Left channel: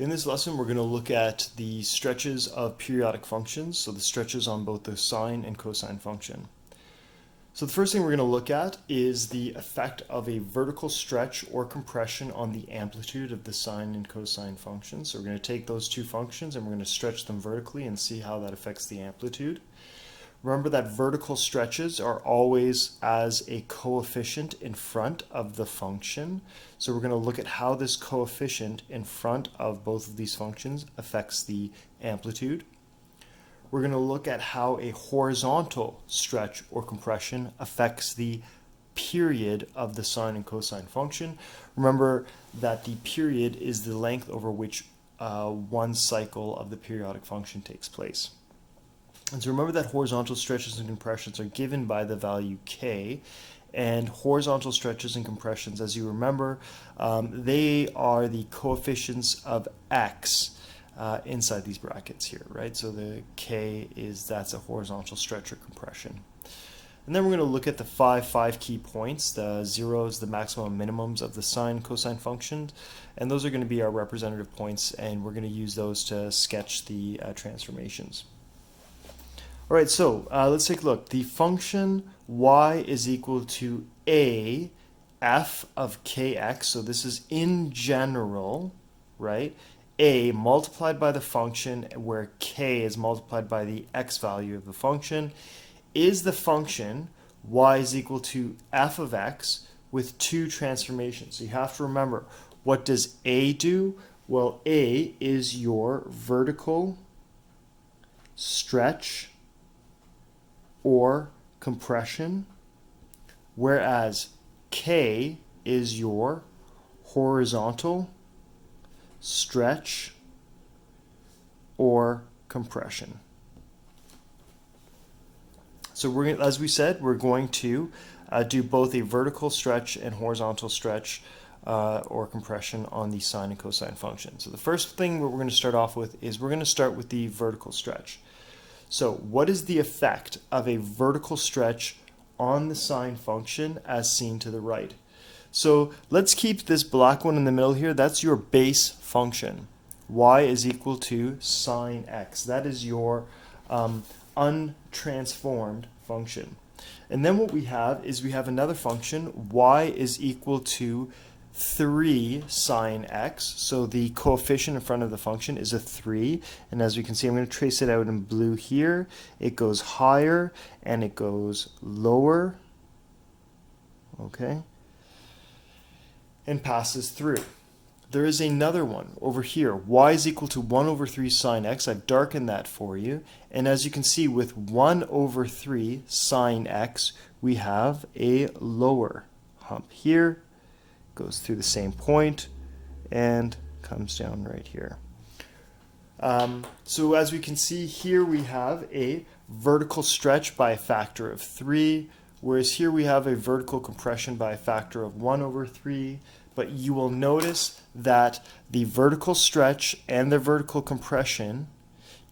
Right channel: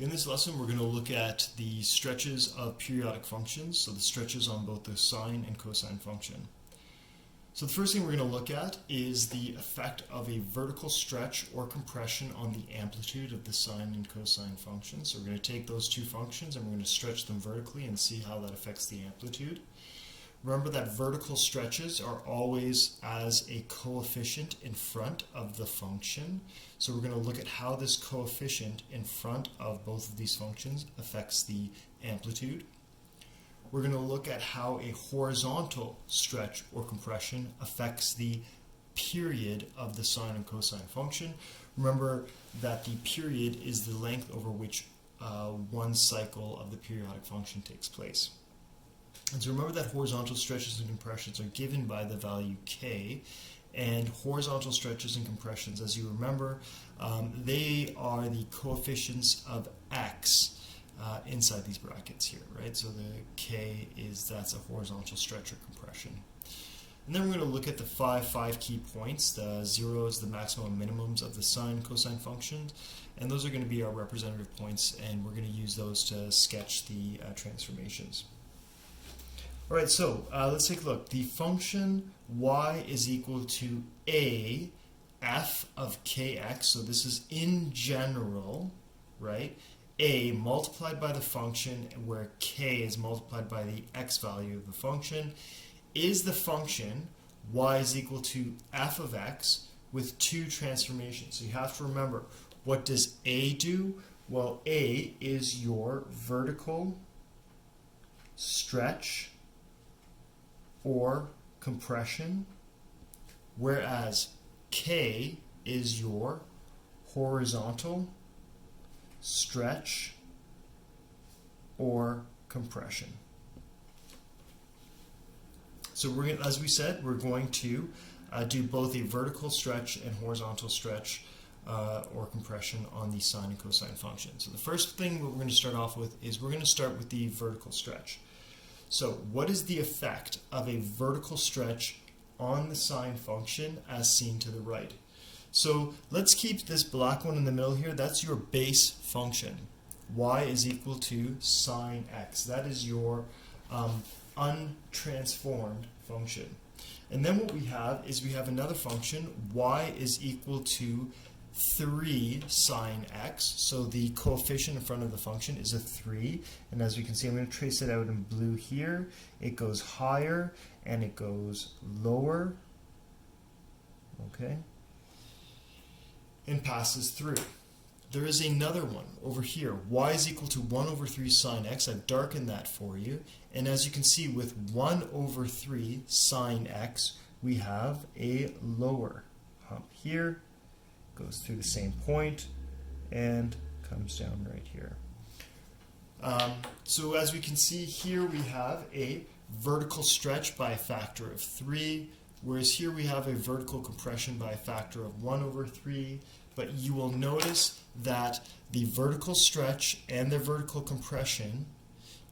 In this lesson, we're going to look at the stretches of periodic functions, so the stretches on both the sine and cosine function. So the first thing we're going to look at is the effect of a vertical stretch or compression on the amplitude of the sine and cosine functions. So we're going to take those two functions and we're going to stretch them vertically and see how that affects the amplitude. Remember that vertical stretches are always as a coefficient in front of the function. So we're going to look at how this coefficient in front of both of these functions affects the amplitude. We're going to look at how a horizontal stretch or compression affects the period of the sine and cosine function. Remember that the period is the length over which one cycle of the periodic function takes place. And so remember that horizontal stretches and compressions are given by the value k, and horizontal stretches and compressions, as you remember, they are the coefficients of x inside these brackets here, right? So the k that's a horizontal stretch or compression. And then we're going to look at the five key points, the zeros, the maximum and minimums of the sine cosine functions, and those are going to be our representative points, and we're going to use those to sketch the transformations. All right, so let's take a look. The function y is equal to a f of kx, so this is in general, right? A multiplied by the function, where k is multiplied by the x value of the function, is the function y is equal to f of x with two transformations. So you have to remember, what does a do? Well, a is your vertical stretch or compression, whereas k is your horizontal stretch or compression. So as we said, we're going to do both a vertical stretch and horizontal stretch or compression on the sine and cosine function. So the first thing that we're going to start off with is we're going to start with the vertical stretch. So what is the effect of a vertical stretch on the sine function as seen to the right? So let's keep this black one in the middle here. That's your base function. Y is equal to sine x. That is your untransformed function. And then what we have is we have another function. Y is equal to 3 sine x. So the coefficient in front of the function is a 3. And as we can see, I'm going to trace it out in blue here. It goes higher and it goes lower. Okay. And passes through. There is another one over here. Y is equal to 1 over 3 sine x. I've darkened that for you. And as you can see, with 1 over 3 sine x, we have a lower hump here. Goes through the same point and comes down right here. So as we can see here, we have a vertical stretch by a factor of 3, whereas here we have a vertical compression by a factor of 1 over 3. But you will notice that the vertical stretch and the vertical compression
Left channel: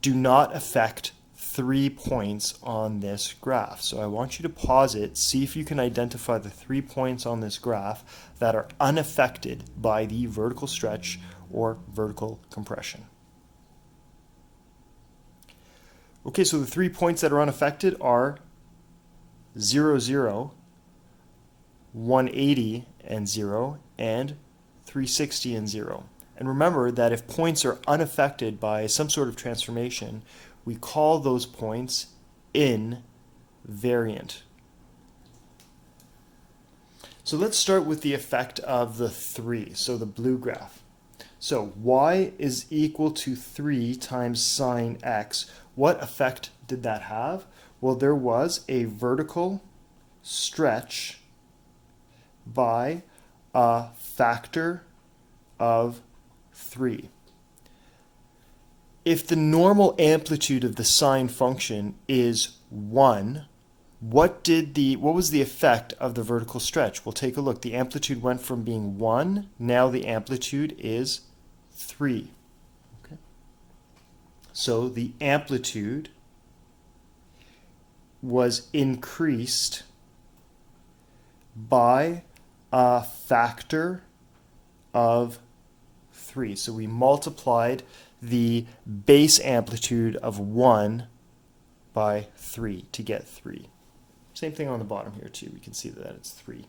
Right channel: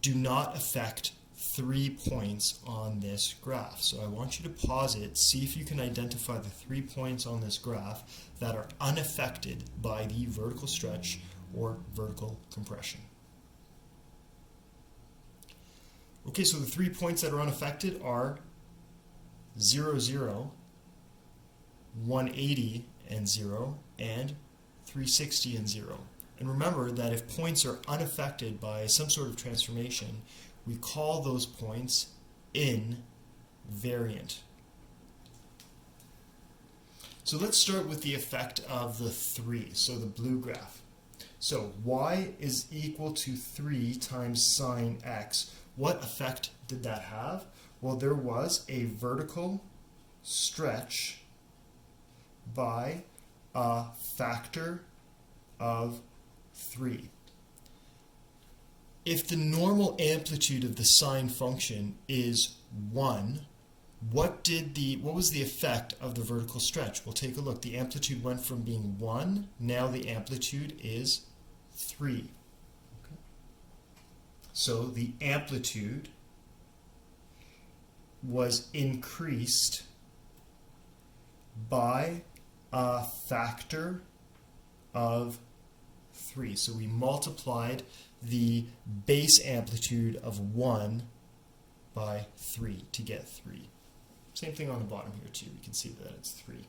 do not affect 3 points on this graph. So I want you to pause it, see if you can identify the 3 points on this graph that are unaffected by the vertical stretch or vertical compression. Okay, so the 3 points that are unaffected are 0, 0, 180 and 0, and 360 and 0. And remember that if points are unaffected by some sort of transformation, we call those points invariant. So let's start with the effect of the 3, so the blue graph. So y is equal to 3 times sine x. What effect did that have? Well, there was a vertical stretch by a factor of 3. If the normal amplitude of the sine function is 1, what was the effect of the vertical stretch? Well, take a look. The amplitude went from being 1, now the amplitude is 3. Okay. So the amplitude was increased by a factor of 3. So we multiplied the base amplitude of 1 by 3 to get 3. Same thing on the bottom here too. We can see that it's 3.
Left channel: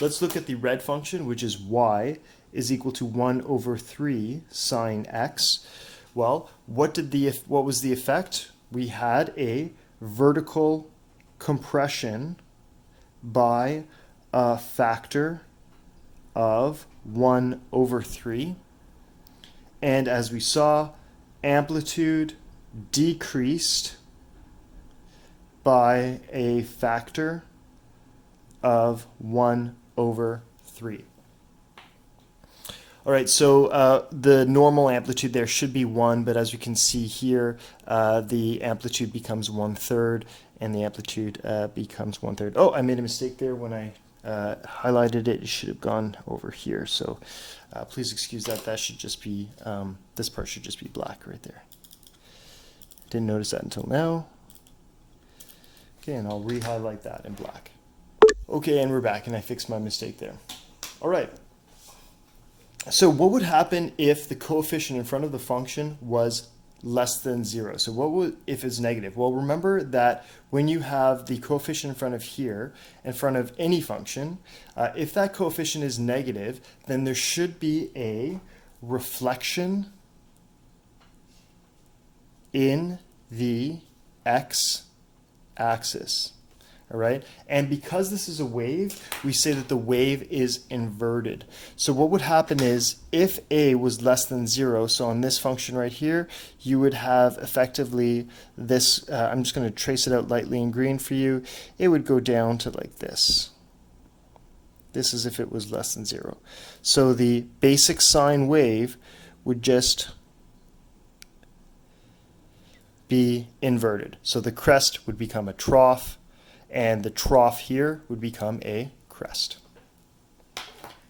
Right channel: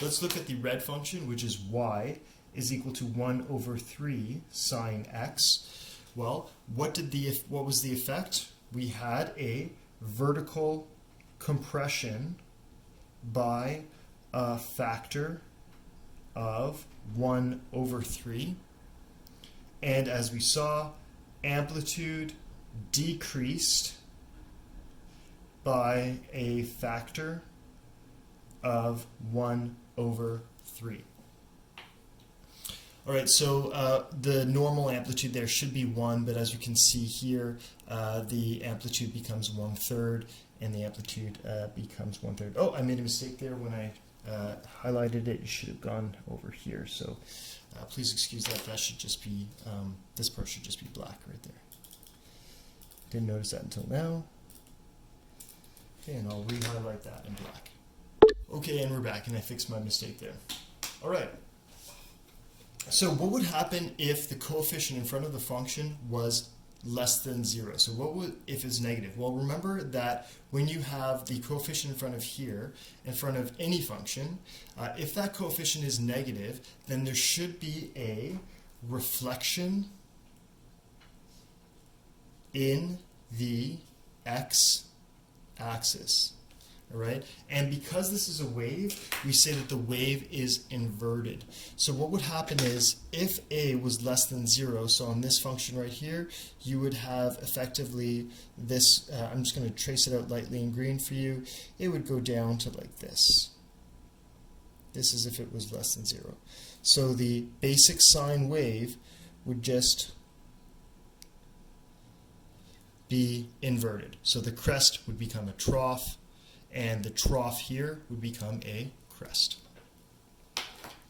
Let's look at the red function, which is y is equal to 1 over 3 sine x. Well, what was the effect? We had a vertical compression by a factor of 1 over 3. And as we saw, amplitude decreased by a factor of 1 over 3. All right, so the normal amplitude there should be 1, but as you can see here, the amplitude becomes 1/3, and the amplitude becomes 1/3. Oh, I made a mistake there when I highlighted it. It should have gone over here, so please excuse that. That should just be, this part should just be black right there. Didn't notice that until now. Okay, and I'll re-highlight that in black. Okay, and we're back, and I fixed my mistake there. All right. So what would happen if the coefficient in front of the function was less than 0? So what would if it's negative? Well, remember that when you have the coefficient in front of here, in front of any function, if that coefficient is negative, then there should be a reflection in the x-axis. All right, and because this is a wave, we say that the wave is inverted. So what would happen is if a was less than 0, so on this function right here, you would have effectively this, I'm just going to trace it out lightly in green for you, it would go down to like this. This is if it was less than 0. So the basic sine wave would just be inverted. So the crest would become a trough, and the trough here would become a crest.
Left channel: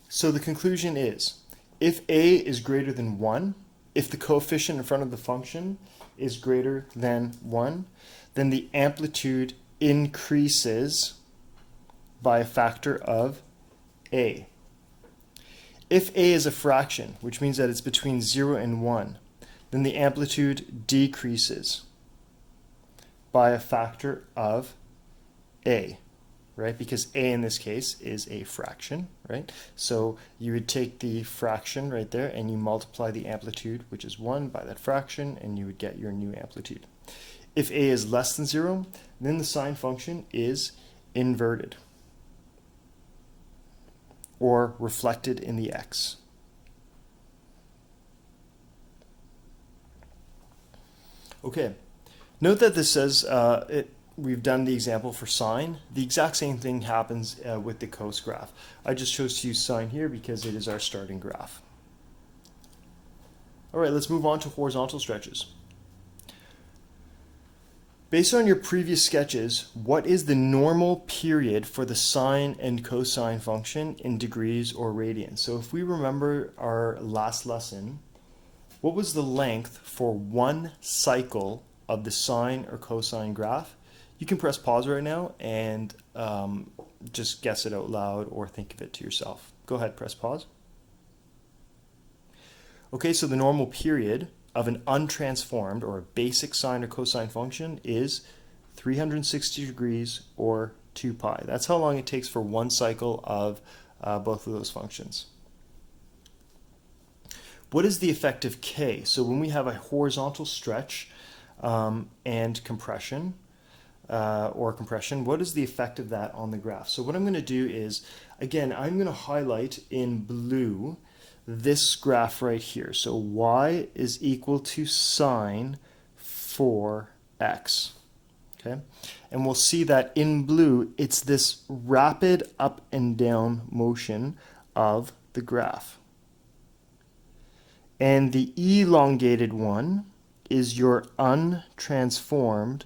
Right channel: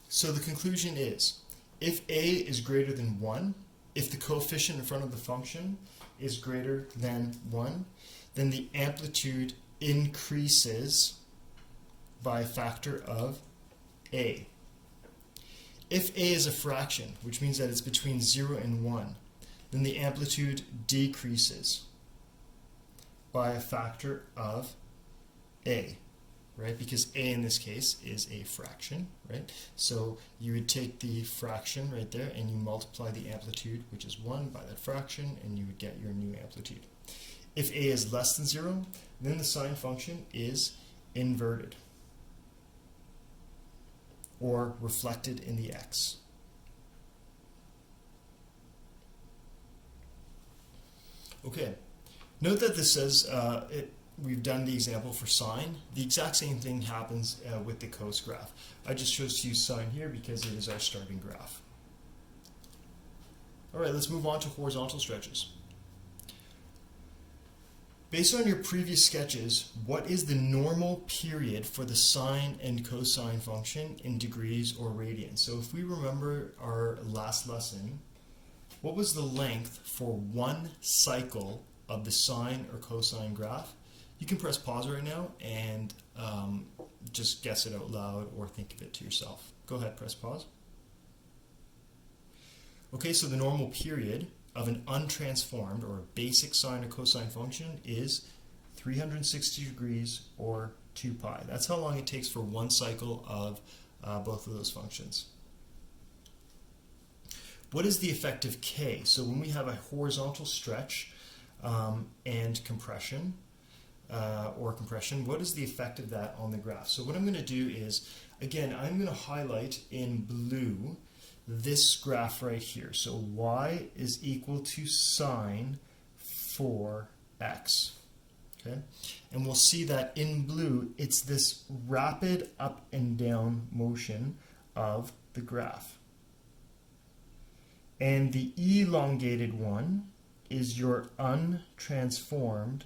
So the conclusion is, if a is greater than 1, if the coefficient in front of the function is greater than 1, then the amplitude increases by a factor of a. If a is a fraction, which means that it's between 0 and 1, then the amplitude decreases by a factor of a, right? Because a in this case is a fraction, right? So you would take the fraction right there and you multiply the amplitude, which is 1, by that fraction, and you would get your new amplitude. If a is less than 0, then the sine function is inverted or reflected in the x. Okay, note that this says we've done the example for sine. The exact same thing happens with the cos graph. I just chose to use sine here because it is our starting graph. All right, let's move on to horizontal stretches. Based on your previous sketches, what is the normal period for the sine and cosine function in degrees or radians? So if we remember our last lesson, what was the length for one cycle of the sine or cosine graph? You can press pause right now and just guess it out loud or think of it to yourself. Go ahead, press pause. Okay, so the normal period of an untransformed or a basic sine or cosine function is 360 degrees or 2 pi. That's how long it takes for one cycle of both of those functions. What is the effect of k? So when we have a horizontal stretch and compression, what is the effect of that on the graph? So what I'm going to do is, again, I'm going to highlight in blue this graph right here. So y is equal to sine 4x. Okay, and we'll see that in blue, it's this rapid up and down motion of the graph. And the elongated one is your untransformed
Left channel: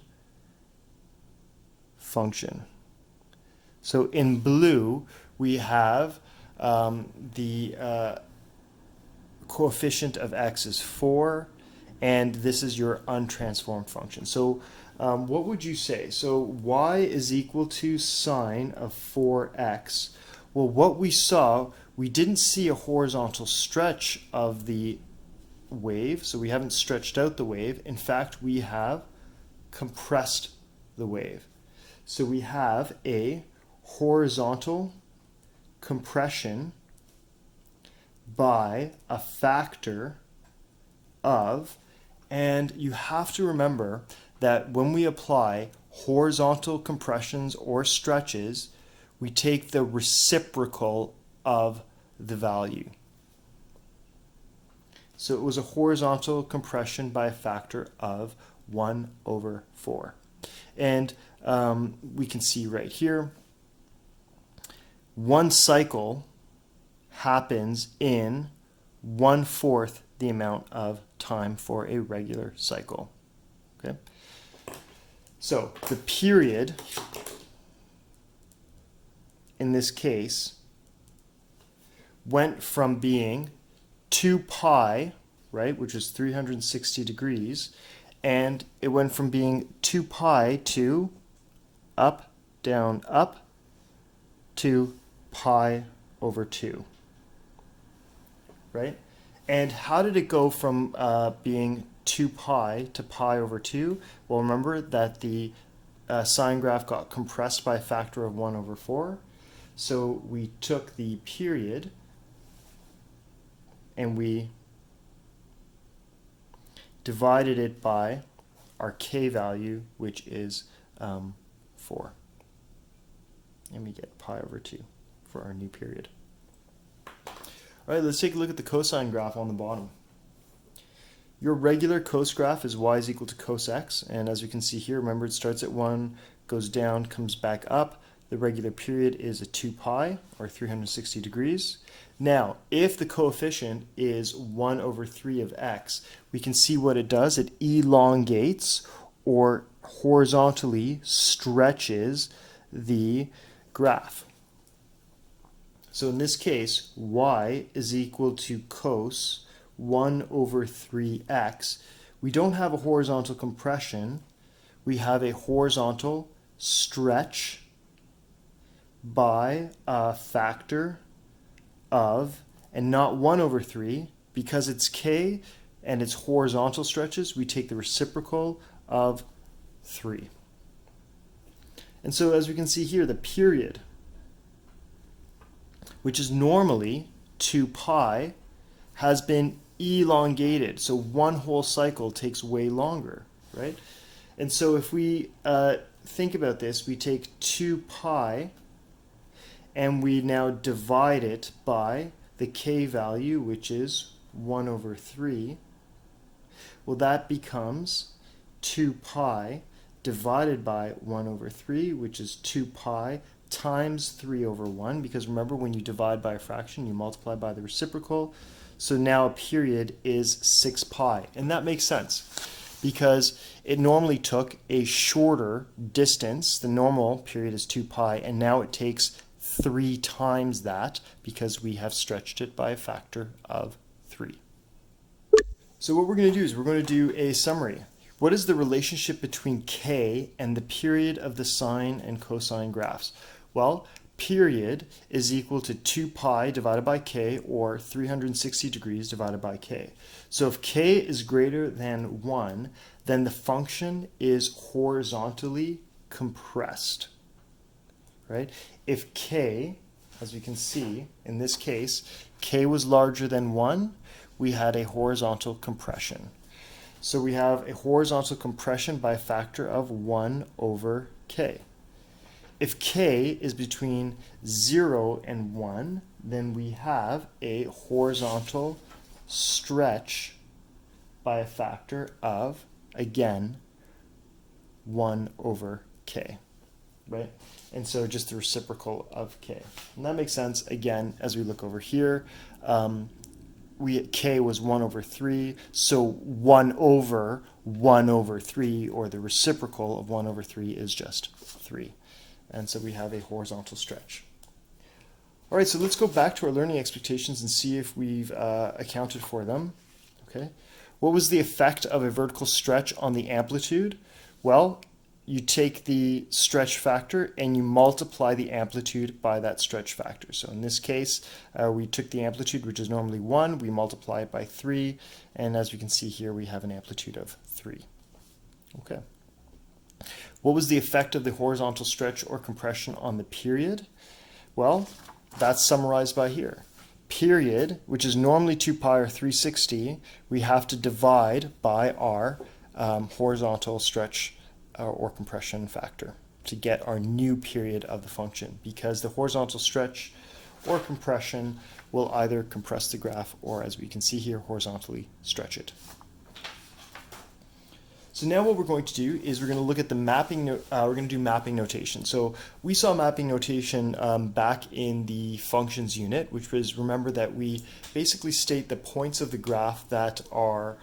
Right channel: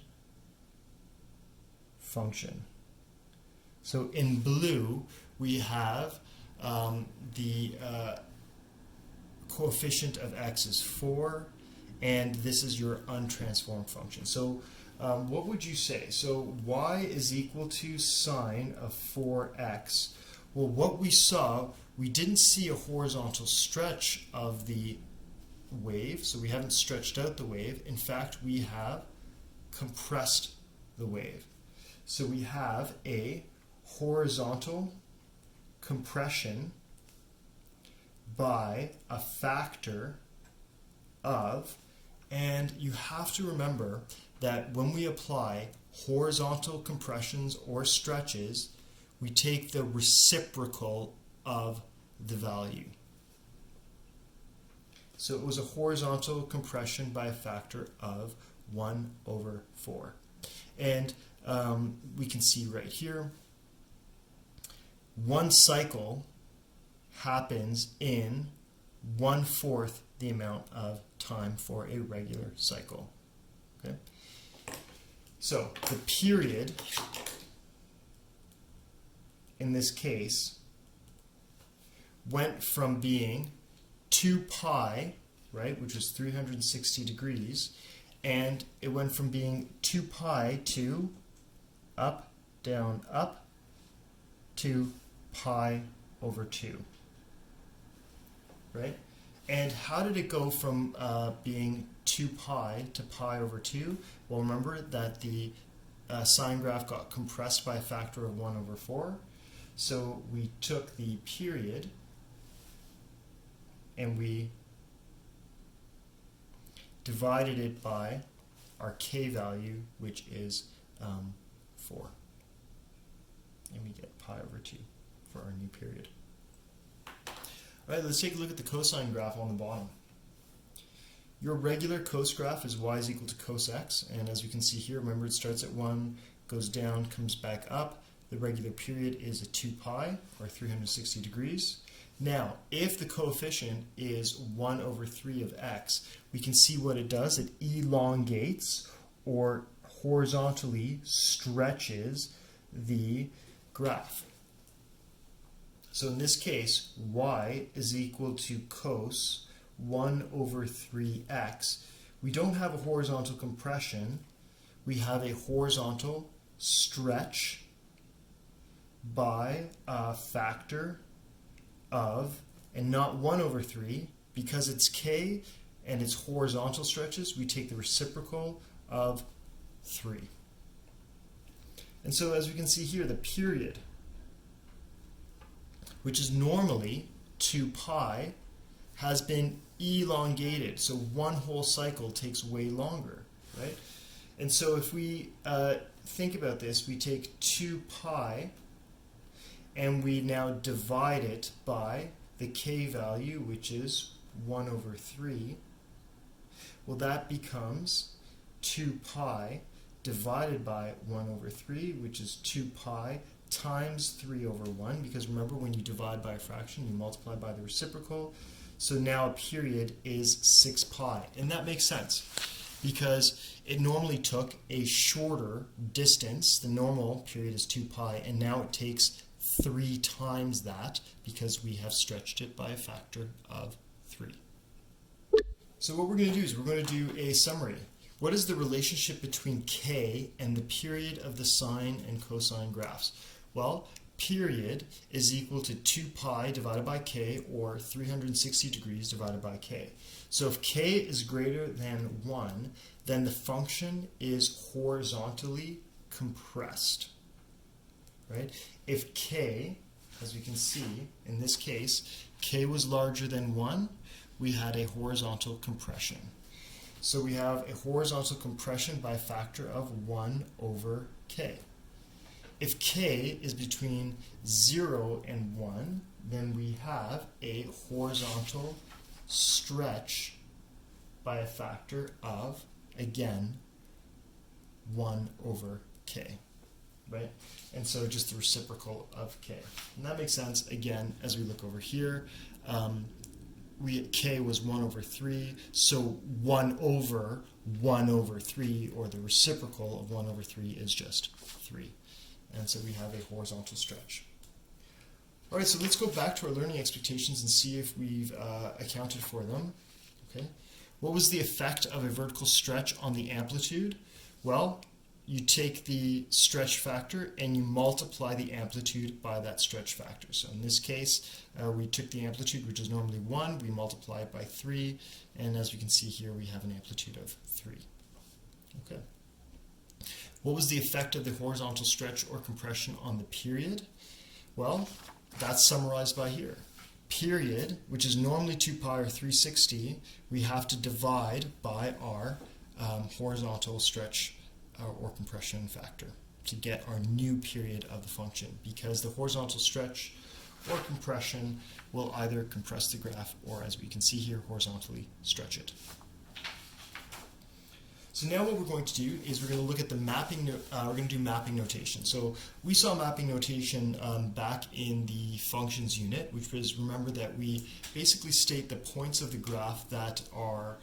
function. So in blue, we have the coefficient of x is 4, and this is your untransformed function. So what would you say? So y is equal to sine of 4x. Well, what we saw we didn't see a horizontal stretch of the wave, so we haven't stretched out the wave. In fact, we have compressed the wave. So we have a horizontal compression by a factor of, and you have to remember that when we apply horizontal compressions or stretches, we take the reciprocal of the value. So it was a horizontal compression by a factor of 1/4. And we can see right here, one cycle happens in 1/4 the amount of time for a regular cycle. Okay? So the period in this case went from being 2 pi, right, which is 360 degrees, and it went from being 2 pi to up, down, up, to pi/2, right? And how did it go from being 2 pi to pi/2? Well, remember that the sine graph got compressed by a factor of 1/4. So we took the period and we divided it by our k value, which is 4. And we get pi/2 for our new period. All right, let's take a look at the cosine graph on the bottom. Your regular cos graph is y is equal to cos x, and as we can see here, remember it starts at 1, goes down, comes back up. The regular period is a 2 pi, or 360 degrees. Now, if the coefficient is 1/3 of x, we can see what it does. It elongates or horizontally stretches the graph. So in this case, y is equal to cos 1/3x. We don't have a horizontal compression. We have a horizontal stretch by a factor of, and not 1/3, because it's k and it's horizontal stretches, we take the reciprocal of 3. And so as we can see here, the period, which is normally 2 pi, has been elongated. So one whole cycle takes way longer, right? And so if we think about this, we take 2 pi and we now divide it by the k value, which is 1/3. Well, that becomes 2 pi divided by 1/3, which is 2 pi times 3/1, because remember, when you divide by a fraction, you multiply by the reciprocal. So now a period is 6 pi. And that makes sense, because it normally took a shorter distance. The normal period is 2 pi, and now it takes 3 times that, because we have stretched it by a factor of 3. So what we're going to do is we're going to do a summary. What is the relationship between k and the period of the sine and cosine graphs? Well, period is equal to 2 pi divided by k, or 360 degrees divided by k. So if k is greater than 1, then the function is horizontally compressed, right? If k, as we can see in this case, k was larger than 1, we had a horizontal compression. So we have a horizontal compression by a factor of 1/k. If k is between 0 and 1, then we have a horizontal stretch by a factor of, again, 1/k, right? And so just the reciprocal of k. And that makes sense, again, as we look over here. K was 1/3, so 1/1/3, or the reciprocal of 1/3, is just 3. And so we have a horizontal stretch. All right, so let's go back to our learning expectations and see if we've accounted for them. Okay. What was the effect of a vertical stretch on the amplitude? Well, you take the stretch factor and you multiply the amplitude by that stretch factor. So in this case, we took the amplitude, which is normally 1, we multiply it by 3, and as we can see here, we have an amplitude of 3. Okay. What was the effect of the horizontal stretch or compression on the period? Well, that's summarized by here. Period, which is normally 2 pi or 360, we have to divide by our horizontal stretch or compression factor to get our new period of the function, because the horizontal stretch or compression will either compress the graph or, as we can see here, horizontally stretch it. So now what we're going to do is we're going to look at the mapping, we're going to do mapping notation. So we saw mapping notation back in the functions unit, which was, remember that we basically state the points of the graph that are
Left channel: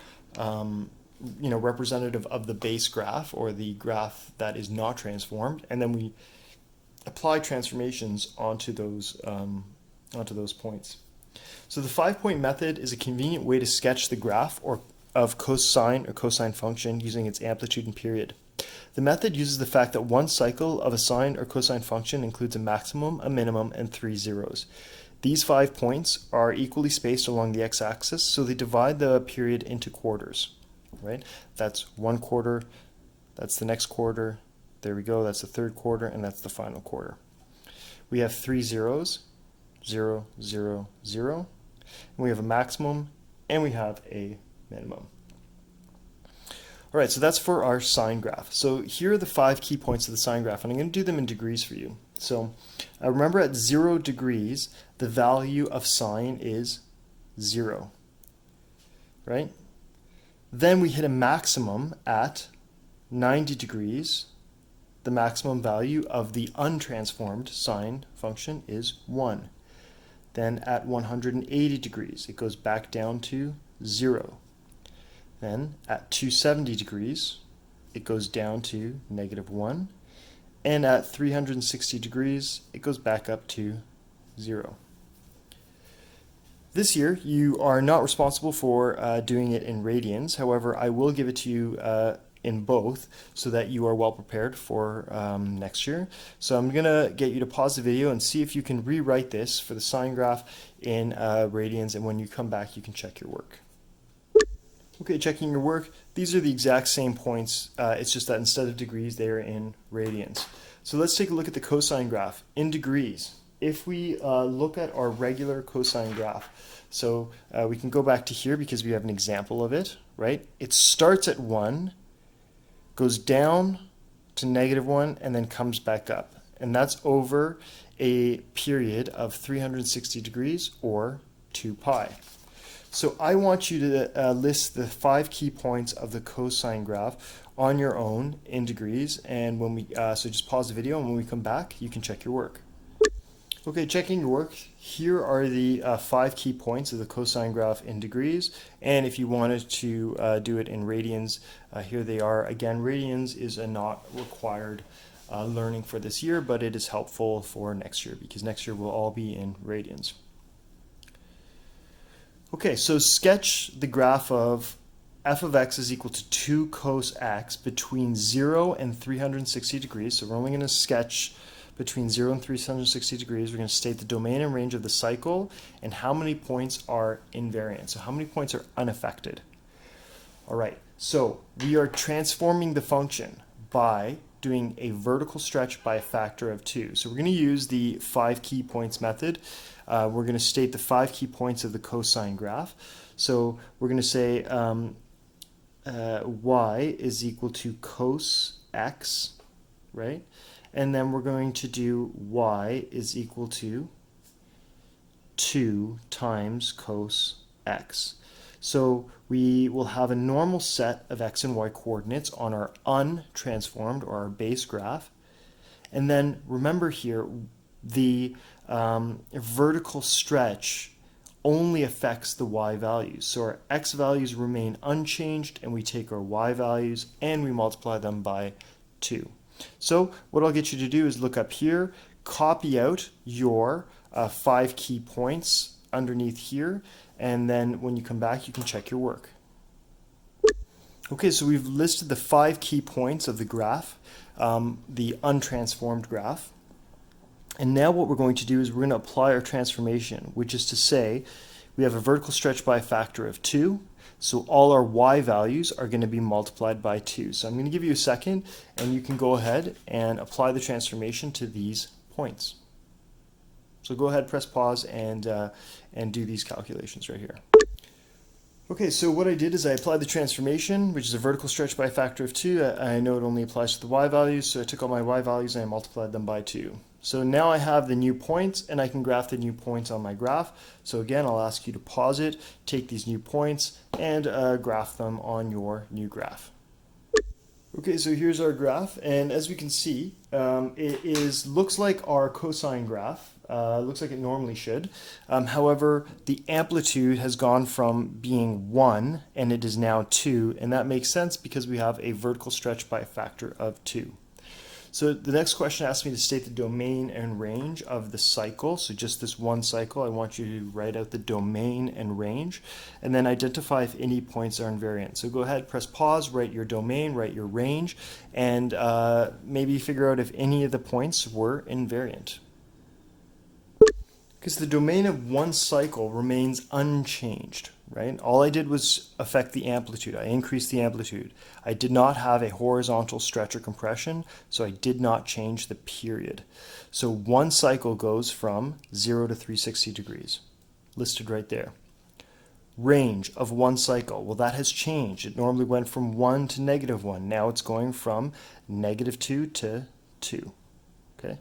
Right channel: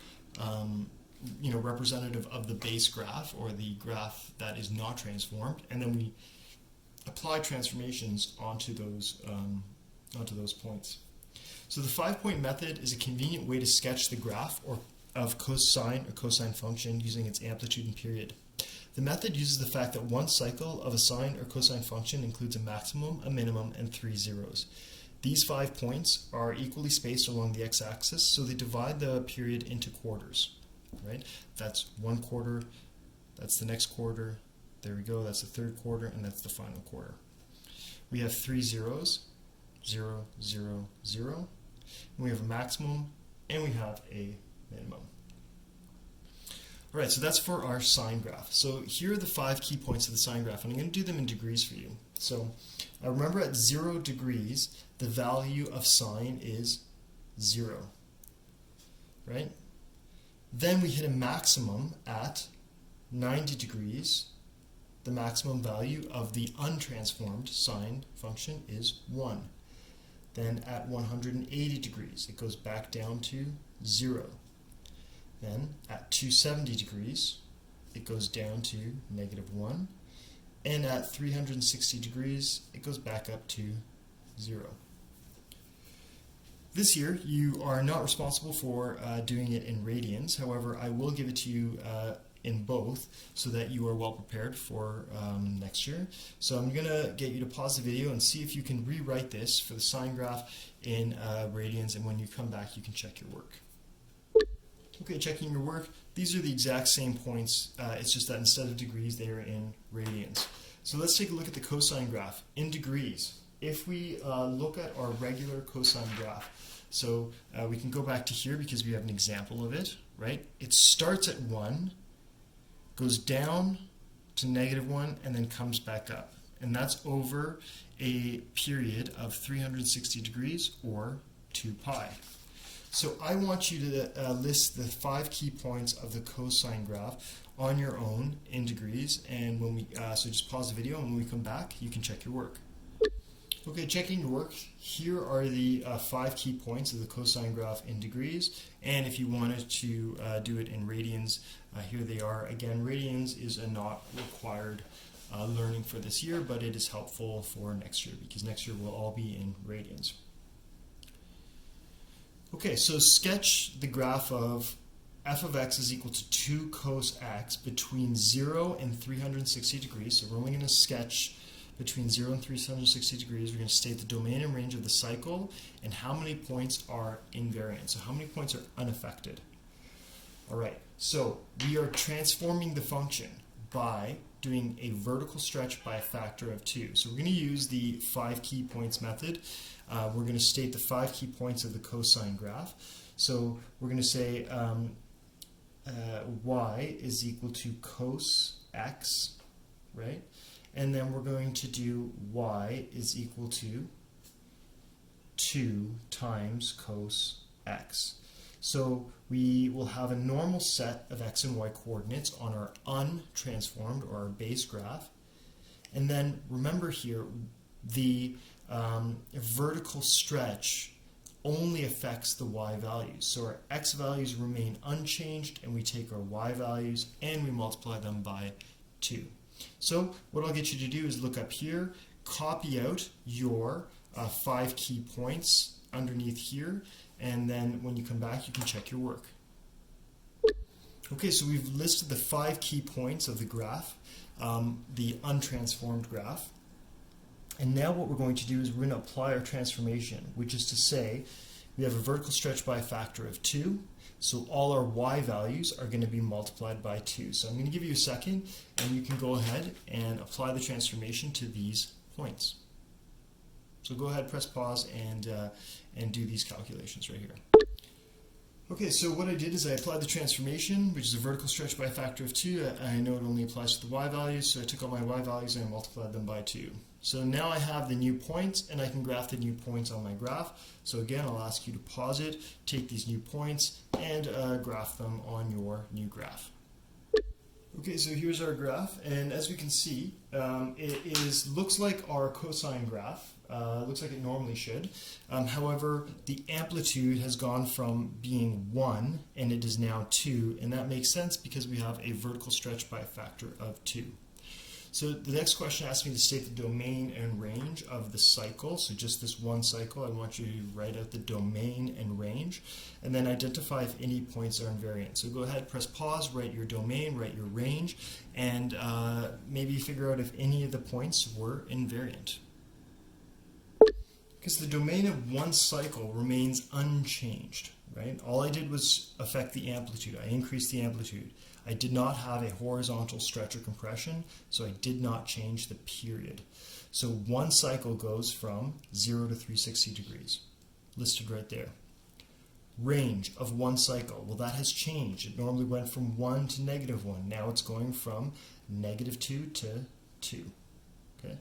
representative of the base graph or the graph that is not transformed, and then we apply transformations onto those points. So the 5-point method is a convenient way to sketch the graph of cosine or cosine function using its amplitude and period. The method uses the fact that one cycle of a sine or cosine function includes a maximum, a minimum, and 3 zeros. These 5 points are equally spaced along the x-axis, so they divide the period into quarters. Right? That's 1 quarter, that's the next quarter, there we go, that's the third quarter, and that's the final quarter. We have 3 zeros, 0, 0, 0, and we have a maximum, and we have a minimum. All right, so that's for our sine graph. So here are the 5 key points of the sine graph, and I'm going to do them in degrees for you. So remember, at 0 degrees, the value of sine is 0, right? Then we hit a maximum at 90 degrees. The maximum value of the untransformed sine function is 1. Then at 180 degrees, it goes back down to 0. Then at 270 degrees, it goes down to -1. And at 360 degrees, it goes back up to 0. This year, you are not responsible for doing it in radians. However, I will give it to you in both so that you are well prepared for next year. So I'm going to get you to pause the video and see if you can rewrite this for the sine graph in radians, and when you come back, you can check your work. Okay, checking your work. These are the exact same points. It's just that instead of degrees, they are in radians. So let's take a look at the cosine graph in degrees. If we look at our regular cosine graph, so we can go back to here because we have an example of it, right? It starts at 1, goes down to -1, and then comes back up. And that's over a period of 360 degrees or 2 pi. So I want you to list the 5 key points of the cosine graph on your own in degrees, and when we so just pause the video, and when we come back, you can check your work. Okay, checking your work, here are the 5 key points of the cosine graph in degrees, and if you wanted to do it in radians, here they are. Again, radians is a not required learning for this year, but it is helpful for next year because next year we'll all be in radians. Okay, so sketch the graph of f of x is equal to 2 cos x between 0 and 360 degrees. So we're only going to sketch between 0 and 360 degrees. We're going to state the domain and range of the cycle and how many points are invariant. So how many points are unaffected? All right, so we are transforming the function by doing a vertical stretch by a factor of 2. So we're going to use the 5 key points method. We're going to state the 5 key points of the cosine graph. So we're going to say y is equal to cos x, right? And then we're going to do y is equal to 2 times cos x. So we will have a normal set of x and y coordinates on our untransformed or our base graph. And then remember here, the vertical stretch only affects the y values. So our x values remain unchanged, and we take our y values and we multiply them by 2. So what I'll get you to do is look up here, copy out your 5 key points underneath here, and then when you come back, you can check your work. Okay, so we've listed the 5 key points of the graph. the untransformed graph. And now what we're going to do is we're going to apply our transformation, which is to say we have a vertical stretch by a factor of 2. So all our y values are going to be multiplied by 2. So I'm going to give you a second, and you can go ahead and apply the transformation to these points. So go ahead, press pause, and do these calculations right here. Okay, so what I did is I applied the transformation, which is a vertical stretch by a factor of 2. I know it only applies to the y values, so I took all my y values and I multiplied them by 2. So now I have the new points, and I can graph the new points on my graph. So again, I'll ask you to pause it, take these new points, and graph them on your new graph. Okay, so here's our graph, and as we can see, it looks like our cosine graph. Looks like it normally should. However, the amplitude has gone from being 1 and it is now 2, and that makes sense because we have a vertical stretch by a factor of 2. So the next question asks me to state the domain and range of the cycle. So just this one cycle, I want you to write out the domain and range, and then identify if any points are invariant. So go ahead, press pause, write your domain, write your range, and maybe figure out if any of the points were invariant. Because the domain of one cycle remains unchanged, right? All I did was affect the amplitude. I increased the amplitude. I did not have a horizontal stretch or compression, so I did not change the period. So one cycle goes from 0 to 360 degrees, listed right there. Range of one cycle, well, that has changed. It normally went from 1 to -1. Now it's going from -2 to 2, okay?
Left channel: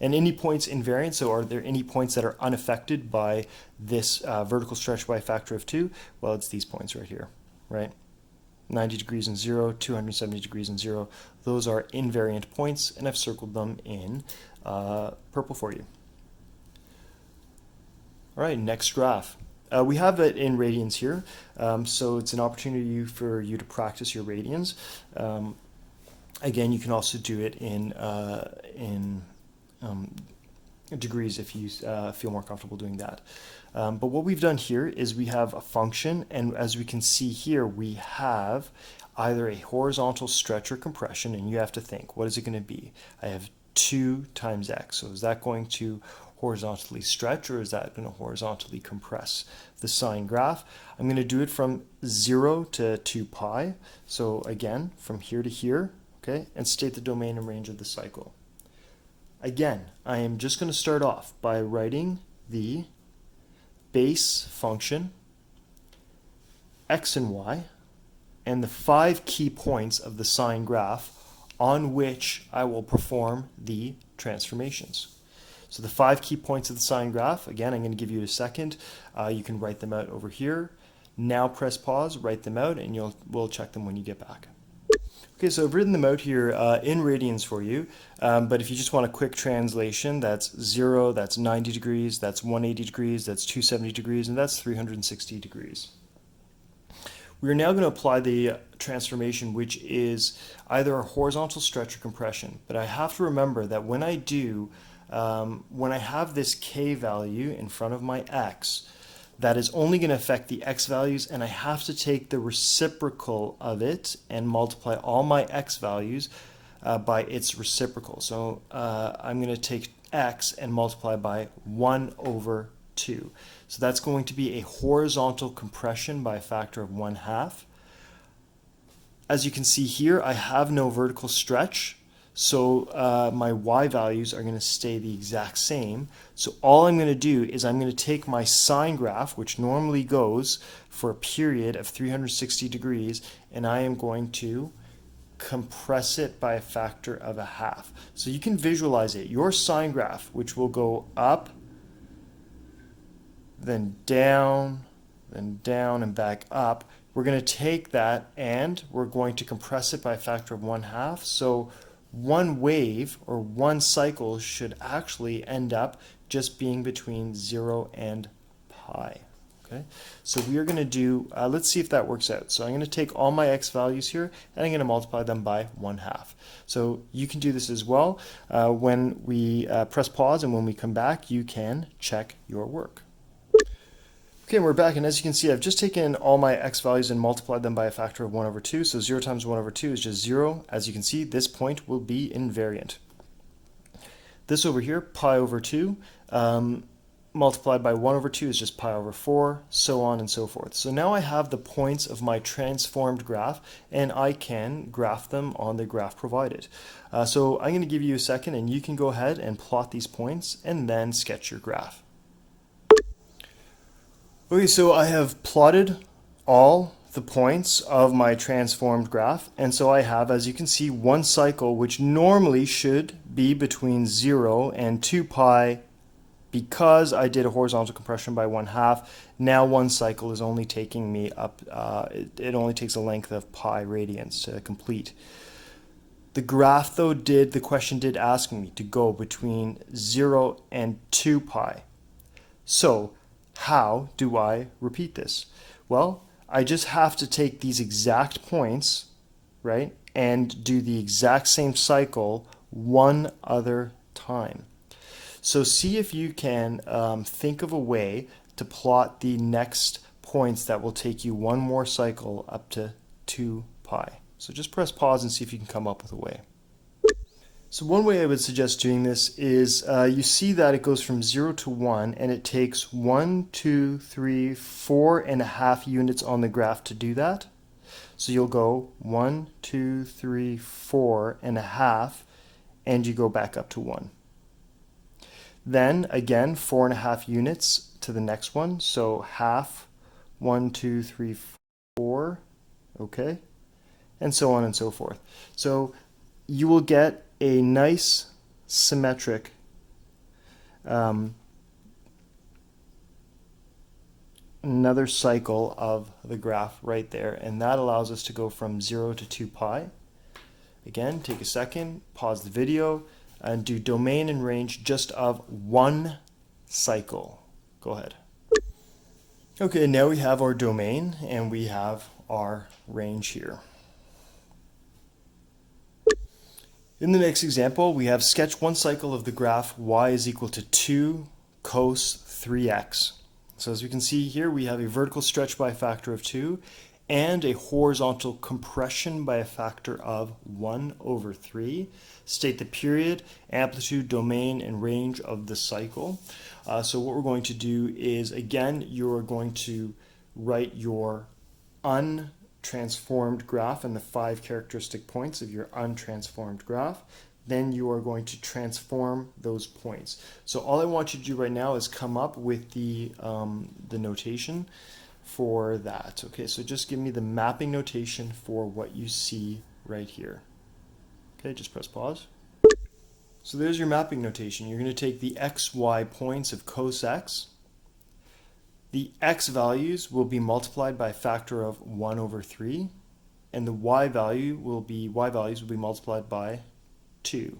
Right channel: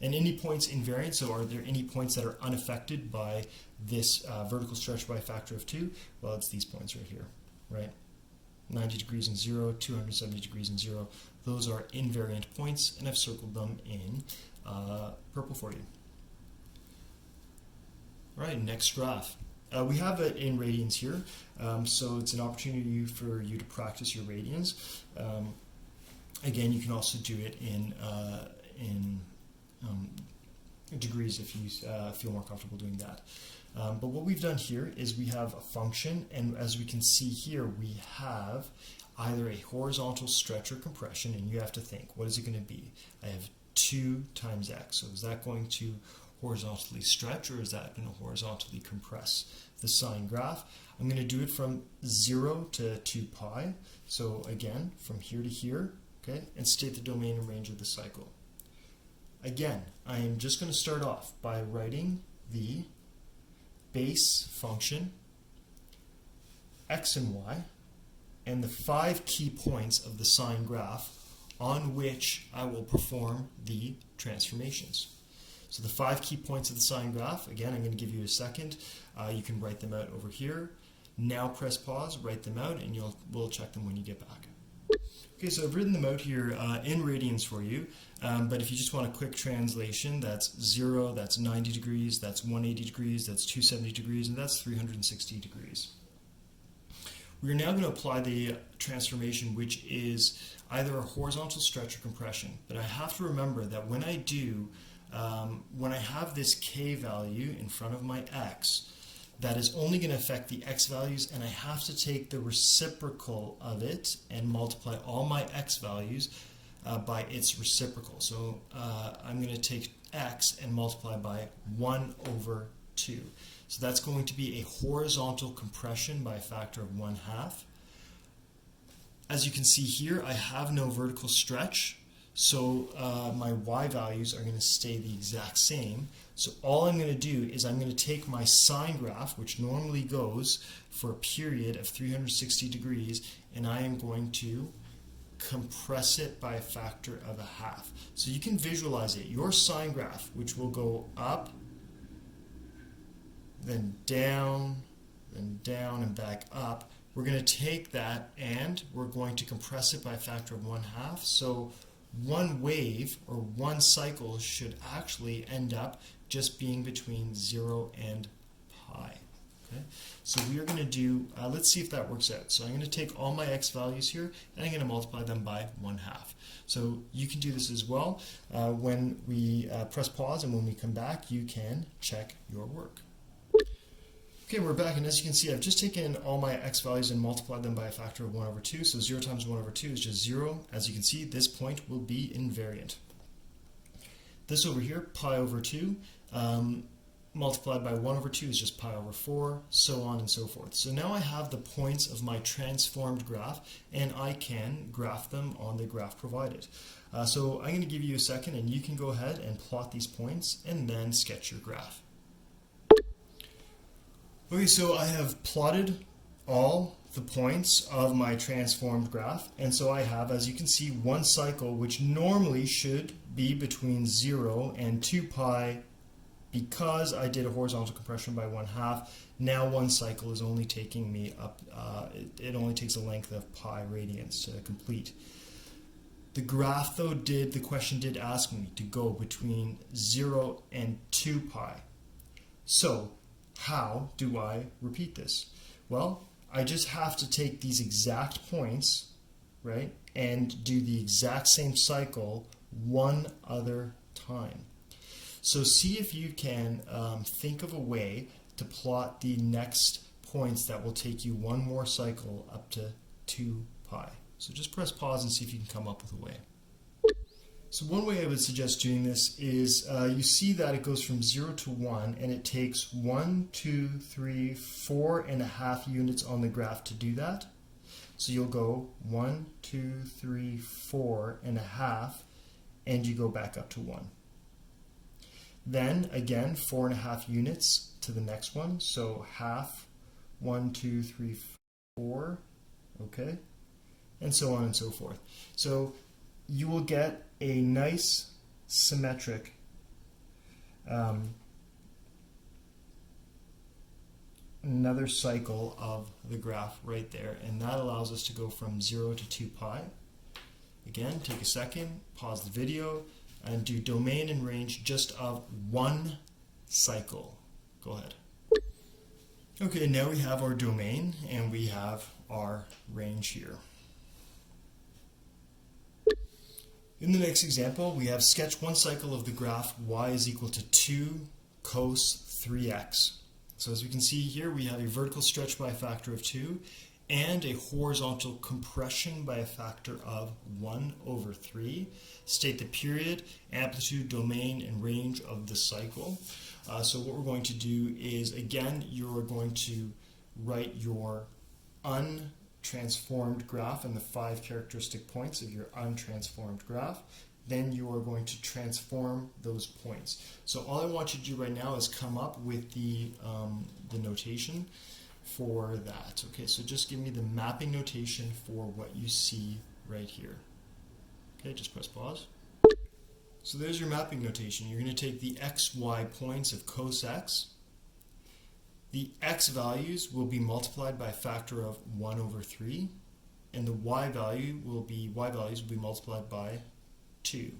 And any points invariant, so are there any points that are unaffected by this vertical stretch by a factor of 2? Well, it's these points right here, right? 90 degrees and 0, 270 degrees and 0. Those are invariant points, and I've circled them in purple for you. All right, next graph. We have it in radians here, so it's an opportunity for you to practice your radians. Again, you can also do it in degrees if you feel more comfortable doing that. But what we've done here is we have a function, and as we can see here, we have either a horizontal stretch or compression, and you have to think, what is it going to be? I have 2 times x, so is that going to horizontally stretch, or is that going to horizontally compress the sine graph? I'm going to do it from 0 to 2 pi, so again, from here to here, okay, and state the domain and range of the cycle. Again, I am just going to start off by writing the base function, x and y, and the 5 key points of the sine graph on which I will perform the transformations. So the 5 key points of the sine graph, again, I'm going to give you a second. You can write them out over here. Now press pause, write them out, and we'll check them when you get back. Okay, so I've written them out here in radians for you, but if you just want a quick translation, that's 0, that's 90 degrees, that's 180 degrees, that's 270 degrees, and that's 360 degrees. We are now going to apply the transformation, which is either a horizontal stretch or compression, but I have to remember that when I have this k value in front of my x, that is only going to affect the x values, and I have to take the reciprocal of it and multiply all my x values by its reciprocal. So I'm going to take x and multiply by 1/2. So that's going to be a horizontal compression by a factor of 1/2. As you can see here, I have no vertical stretch, so my y values are going to stay the exact same. So all I'm going to do is I'm going to take my sine graph, which normally goes for a period of 360 degrees, and I am going to compress it by a factor of 1/2. So you can visualize it. Your sine graph, which will go up, then down, and back up, we're going to take that and we're going to compress it by a factor of 1/2. So one wave or one cycle should actually end up just being between 0 and pi. Okay, so we are going to do, let's see if that works out. So I'm going to take all my x values here and I'm going to multiply them by 1/2. So you can do this as well. When we press pause and when we come back, you can check your work. Okay, we're back, and as you can see, I've just taken all my x values and multiplied them by a factor of 1 over 2. So 0 times 1 over 2 is just 0. As you can see, this point will be invariant. This over here, pi over 2, multiplied by 1 over 2 is just pi over 4, so on and so forth. So now I have the points of my transformed graph, and I can graph them on the graph provided. So I'm going to give you a second, and you can go ahead and plot these points, and then sketch your graph. Okay, so I have plotted all the points of my transformed graph, and so I have, as you can see, one cycle which normally should be between 0 and 2 pi. Because I did a horizontal compression by 1/2, now one cycle is only taking me up, it only takes a length of pi radians to complete. The graph though the question did ask me to go between 0 and 2 pi. So how do I repeat this? Well, I just have to take these exact points, right, and do the exact same cycle one other time. So see if you can think of a way to plot the next points that will take you one more cycle up to 2 pi. So just press pause and see if you can come up with a way. So one way I would suggest doing this is you see that it goes from 0 to 1, and it takes 1, 2, 3, 4.5 units on the graph to do that. So you'll go 1, 2, 3, 4.5, and you go back up to 1. Then again, 4.5 units to the next one. So half, 1, 2, 3, 4, okay, and so on and so forth. So you will get a nice symmetric another cycle of the graph right there, and that allows us to go from 0 to 2 pi. Again, take a second, pause the video, and do domain and range just of one cycle. Go ahead. Okay, now we have our domain and we have our range here. In the next example, we have sketch one cycle of the graph y is equal to 2 cos 3x. So as we can see here, we have a vertical stretch by a factor of 2 and a horizontal compression by a factor of 1 over 3. State the period, amplitude, domain, and range of the cycle. So what we're going to do is, again, you're going to write your untransformed graph and the 5 characteristic points of your untransformed graph. Then you are going to transform those points. So all I want you to do right now is come up with the notation for that. Okay, so just give me the mapping notation for what you see right here. Okay, just press pause. So there's your mapping notation. You're going to take the x, y points of cos x. The x values will be multiplied by a factor of 1 over 3, and the y values will be multiplied by 2.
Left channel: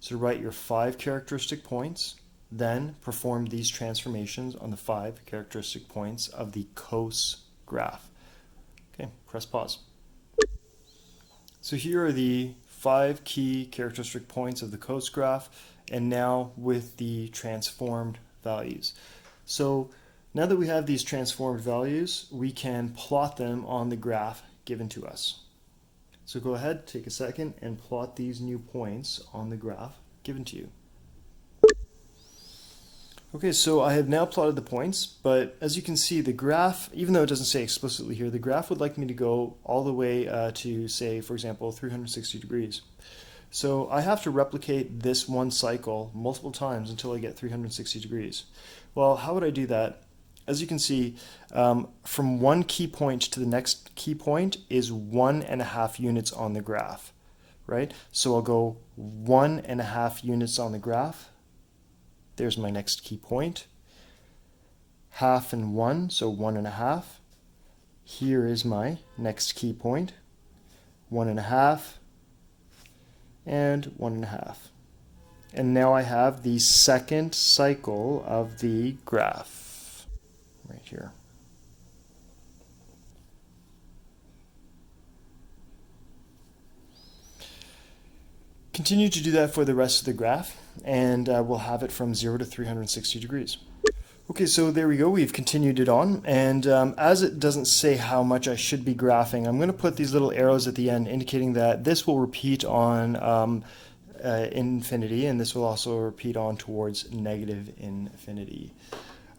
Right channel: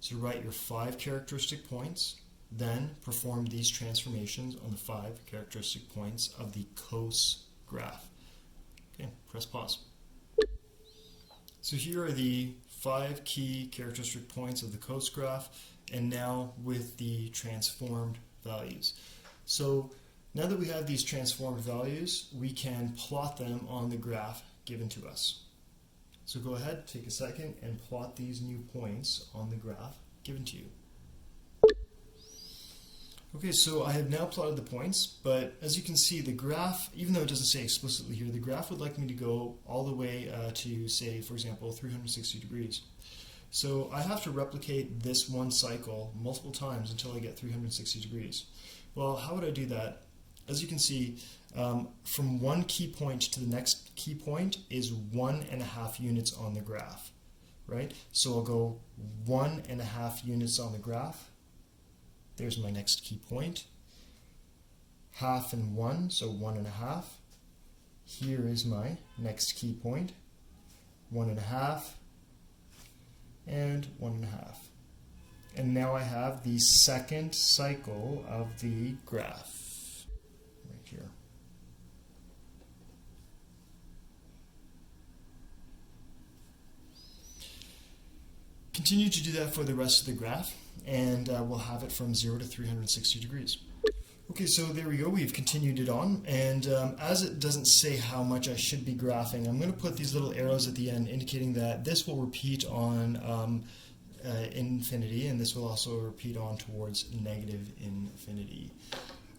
So write your 5 characteristic points, then perform these transformations on the 5 characteristic points of the cos graph. Okay, press pause. So here are the 5 key characteristic points of the cos graph, and now with the transformed values. So now that we have these transformed values, we can plot them on the graph given to us. So go ahead, take a second, and plot these new points on the graph given to you. Okay, so I have now plotted the points, but as you can see, the graph, even though it doesn't say explicitly here, the graph would like me to go all the way to, say, for example, 360 degrees. So I have to replicate this one cycle multiple times until I get 360 degrees. Well, how would I do that? As you can see, from one key point to the next key point is 1.5 units on the graph, right? So I'll go 1.5 units on the graph. There's my next key point. Half and 1, so 1.5. Here is my next key point. 1.5 and 1.5. And now I have the second cycle of the graph right here. Continue to do that for the rest of the graph, and we'll have it from 0 to 360 degrees. Okay. Okay, so there we go. We've continued it on. And as it doesn't say how much I should be graphing, I'm going to put these little arrows at the end indicating that this will repeat on infinity, and this will also repeat on towards negative infinity.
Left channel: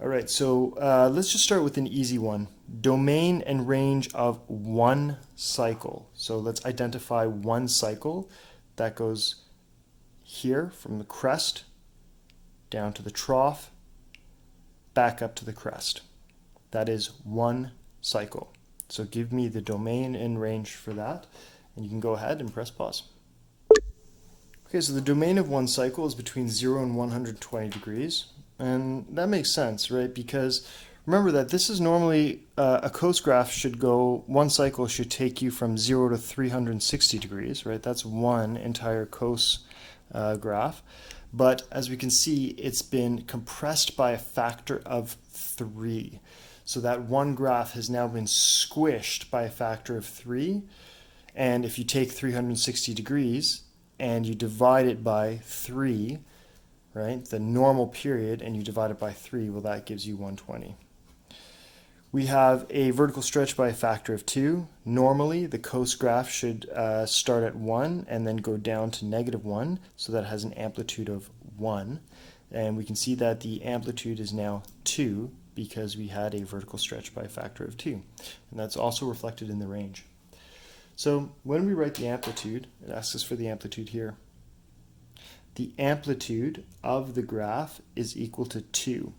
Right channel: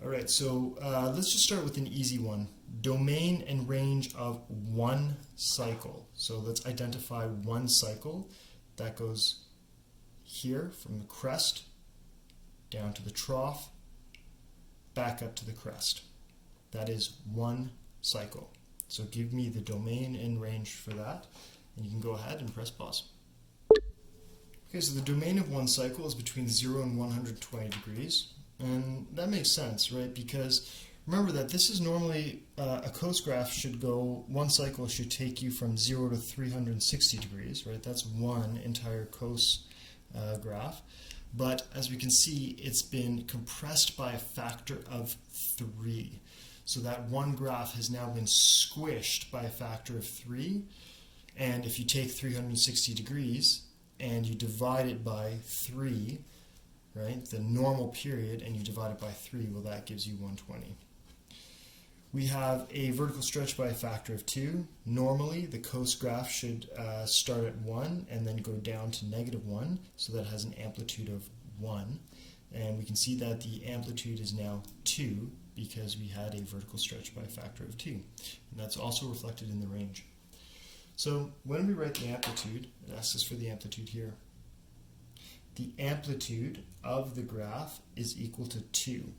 All right, so let's just start with an easy one. Domain and range of one cycle. So let's identify one cycle that goes here from the crest down to the trough, back up to the crest. That is one cycle. So give me the domain and range for that, and you can go ahead and press pause. Okay, so the domain of one cycle is between 0 and 120 degrees, and that makes sense, right? Because remember that this is normally, a cos graph should go, one cycle should take you from 0 to 360 degrees, right? That's one entire cos graph. But as we can see, it's been compressed by a factor of 3. So that one graph has now been squished by a factor of 3. And if you take 360 degrees and you divide it by 3, right, the normal period, and you divide it by 3, well, that gives you 120. We have a vertical stretch by a factor of 2. Normally, the cos graph should start at 1 and then go down to -1, so that has an amplitude of 1. And we can see that the amplitude is now 2 because we had a vertical stretch by a factor of 2. And that's also reflected in the range. So when we write the amplitude, it asks us for the amplitude here. The amplitude of the graph is equal to 2.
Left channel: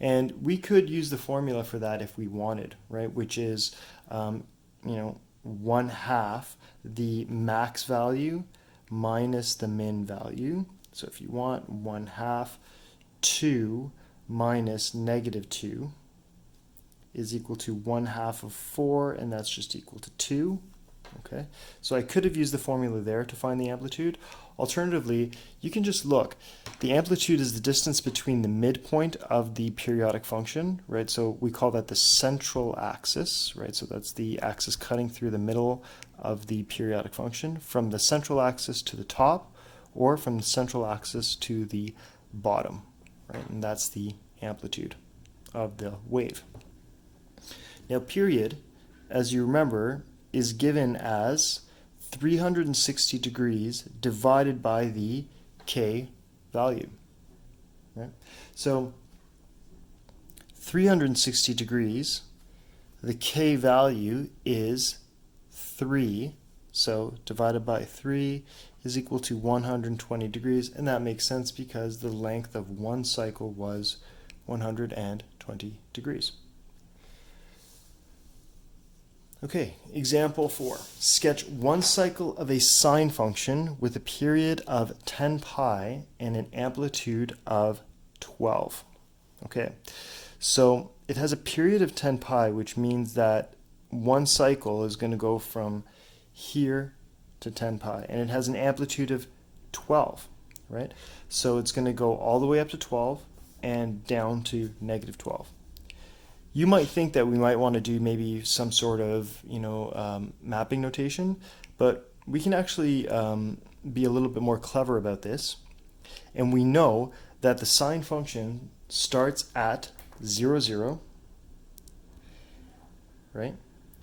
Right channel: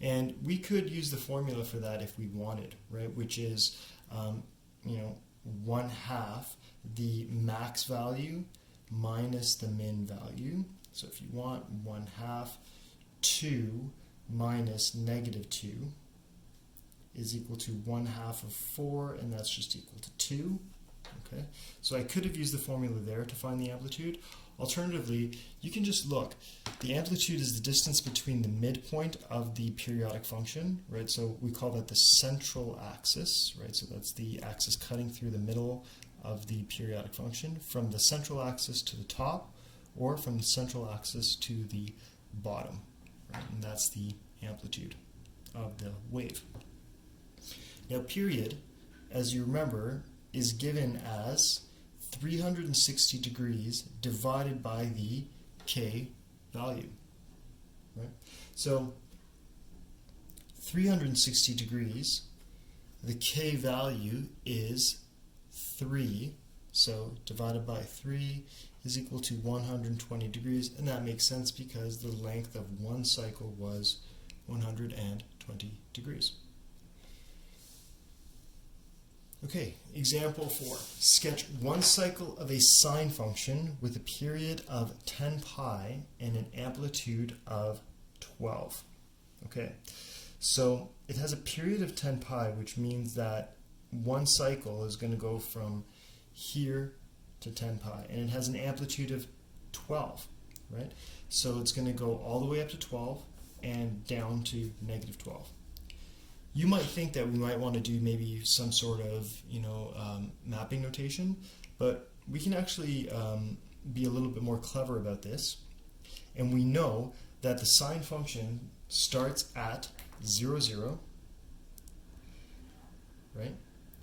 And we could use the formula for that if we wanted, right? Which is, 1/2 the max value minus the min value. So if you want 1/2 2 minus -2 is equal to 1/2 of 4, and that's just equal to 2. Okay, so I could have used the formula there to find the amplitude. Alternatively, you can just look. The amplitude is the distance between the midpoint of the periodic function, right? So we call that the central axis, right? So that's the axis cutting through the middle of the periodic function, from the central axis to the top, or from the central axis to the bottom, right? And that's the amplitude of the wave. Now, period, as you remember, is given as 360 degrees divided by the k value. Right? So 360 degrees, the k value is 3, so divided by 3 is equal to 120 degrees, and that makes sense because the length of one cycle was 120 degrees. Okay, example 4. Sketch one cycle of a sine function with a period of 10 pi and an amplitude of 12. Okay, so it has a period of 10 pi, which means that one cycle is going to go from here to 10 pi, and it has an amplitude of 12, right? So it's going to go all the way up to 12 and down to -12. You might think that we might want to do maybe some sort of, mapping notation, but we can actually be a little bit more clever about this. And we know that the sine function starts at 0, 0, right?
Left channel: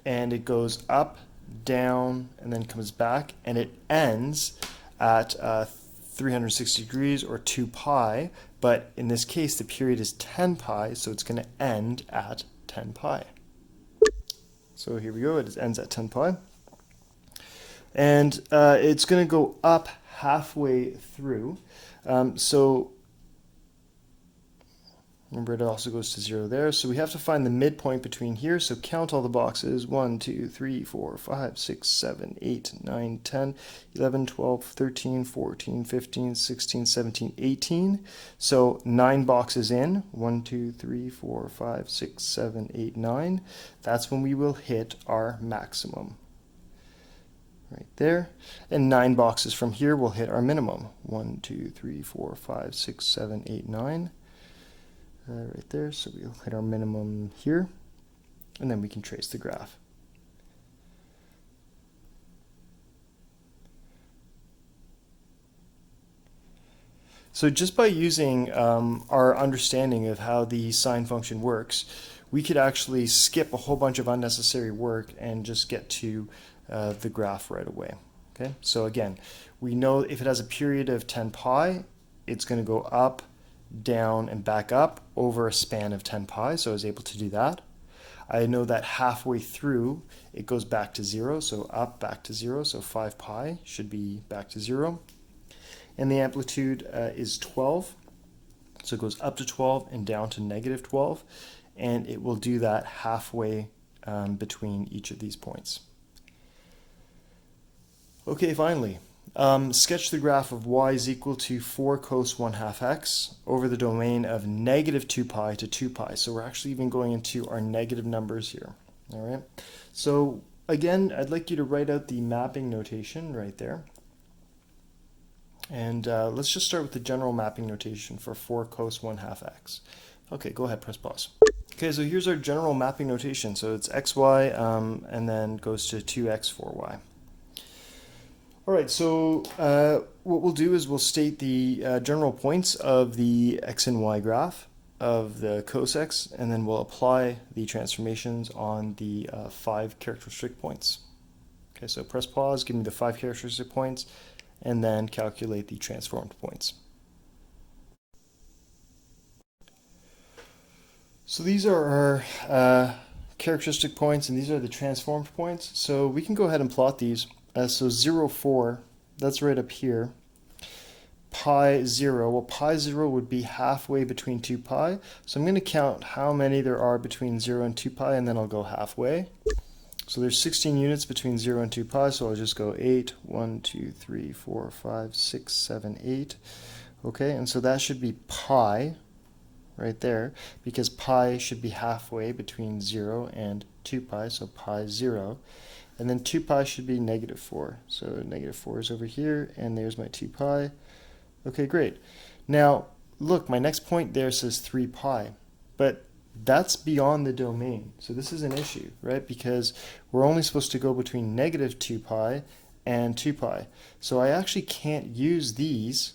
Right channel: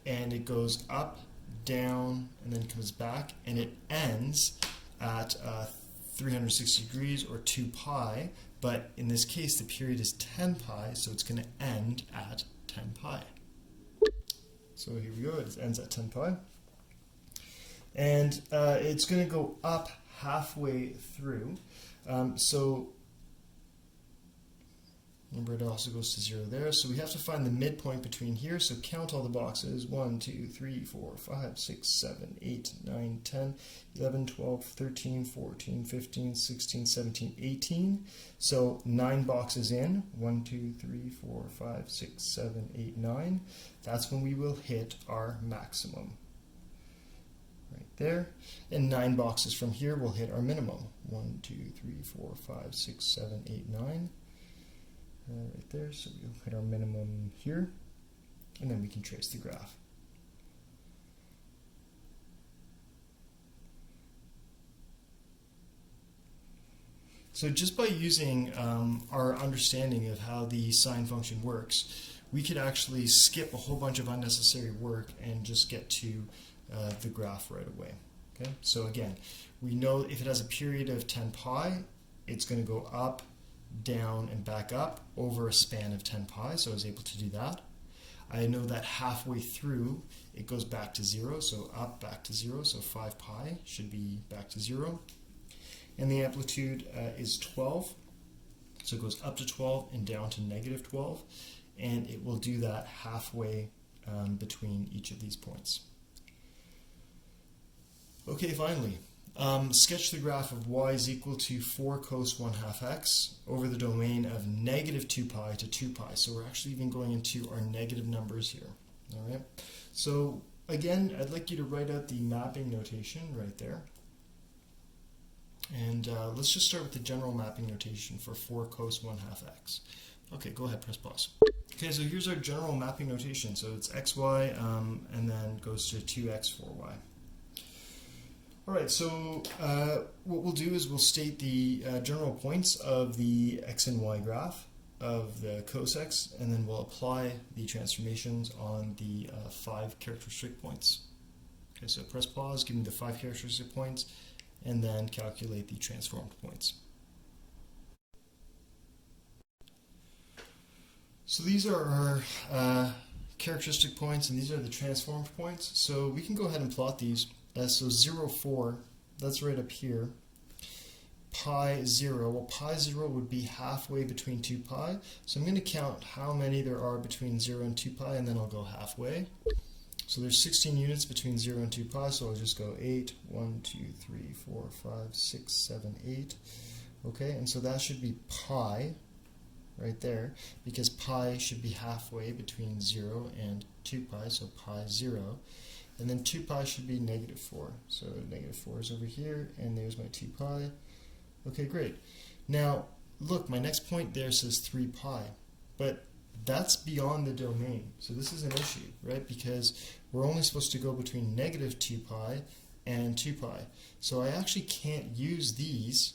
And it goes up, down, and then comes back, and it ends at 360 degrees or 2 pi. But in this case, the period is 10 pi, so it's going to end at 10 pi. So here we go, it ends at 10 pi. And it's going to go up halfway through. So remember, it also goes to 0 there. So we have to find the midpoint between here. So count all the boxes. 1, 2, 3, 4, 5, 6, 7, 8, 9, 10, 11, 12, 13, 14, 15, 16, 17, 18. So 9 boxes in. 1, 2, 3, 4, 5, 6, 7, 8, 9. That's when we will hit our maximum. Right there. And 9 boxes from here will hit our minimum. 1, 2, 3, 4, 5, 6, 7, 8, 9. Right there, so we'll hit our minimum here, and then we can trace the graph. So just by using our understanding of how the sine function works, we could actually skip a whole bunch of unnecessary work and just get to the graph right away. Okay, so again, we know if it has a period of 10 pi, it's going to go up, down, and back up over a span of 10 pi, so I was able to do that. I know that halfway through it goes back to 0, so up, back to 0, so 5 pi should be back to 0. And the amplitude is 12, so it goes up to 12 and down to negative 12, and it will do that halfway between each of these points. Okay, finally, sketch the graph of y is equal to 4 cos 1/2 x over the domain of negative 2 pi to 2 pi. So we're actually even going into our negative numbers here. All right. So again, I'd like you to write out the mapping notation right there. And let's just start with the general mapping notation for 4 cos 1/2 x. Okay, go ahead, press pause. Okay, so here's our general mapping notation. So it's xy and then goes to 2x 4y. All right, so what we'll do is we'll state the general points of the x and y graph of the cos x, and then we'll apply the transformations on the 5 characteristic points. Okay, so press pause, give me the 5 characteristic points, and then calculate the transformed points. So these are our characteristic points, and these are the transformed points. So we can go ahead and plot these. So 0, 4, that's right up here. Pi 0, well, pi 0 would be halfway between 2 pi. So I'm going to count how many there are between 0 and 2 pi, and then I'll go halfway. So there's 16 units between 0 and 2 pi, so I'll just go 8, 1, 2, 3, 4, 5, 6, 7, 8. Okay, and so that should be pi right there, because pi should be halfway between 0 and 2 pi, so pi 0. And then 2 pi should be negative 4. So negative 4 is over here, and there's my 2 pi. Okay, great. Now, look, my next point there says 3 pi, but that's beyond the domain. So this is an issue, right? Because we're only supposed to go between negative 2 pi and 2 pi. So I actually can't use these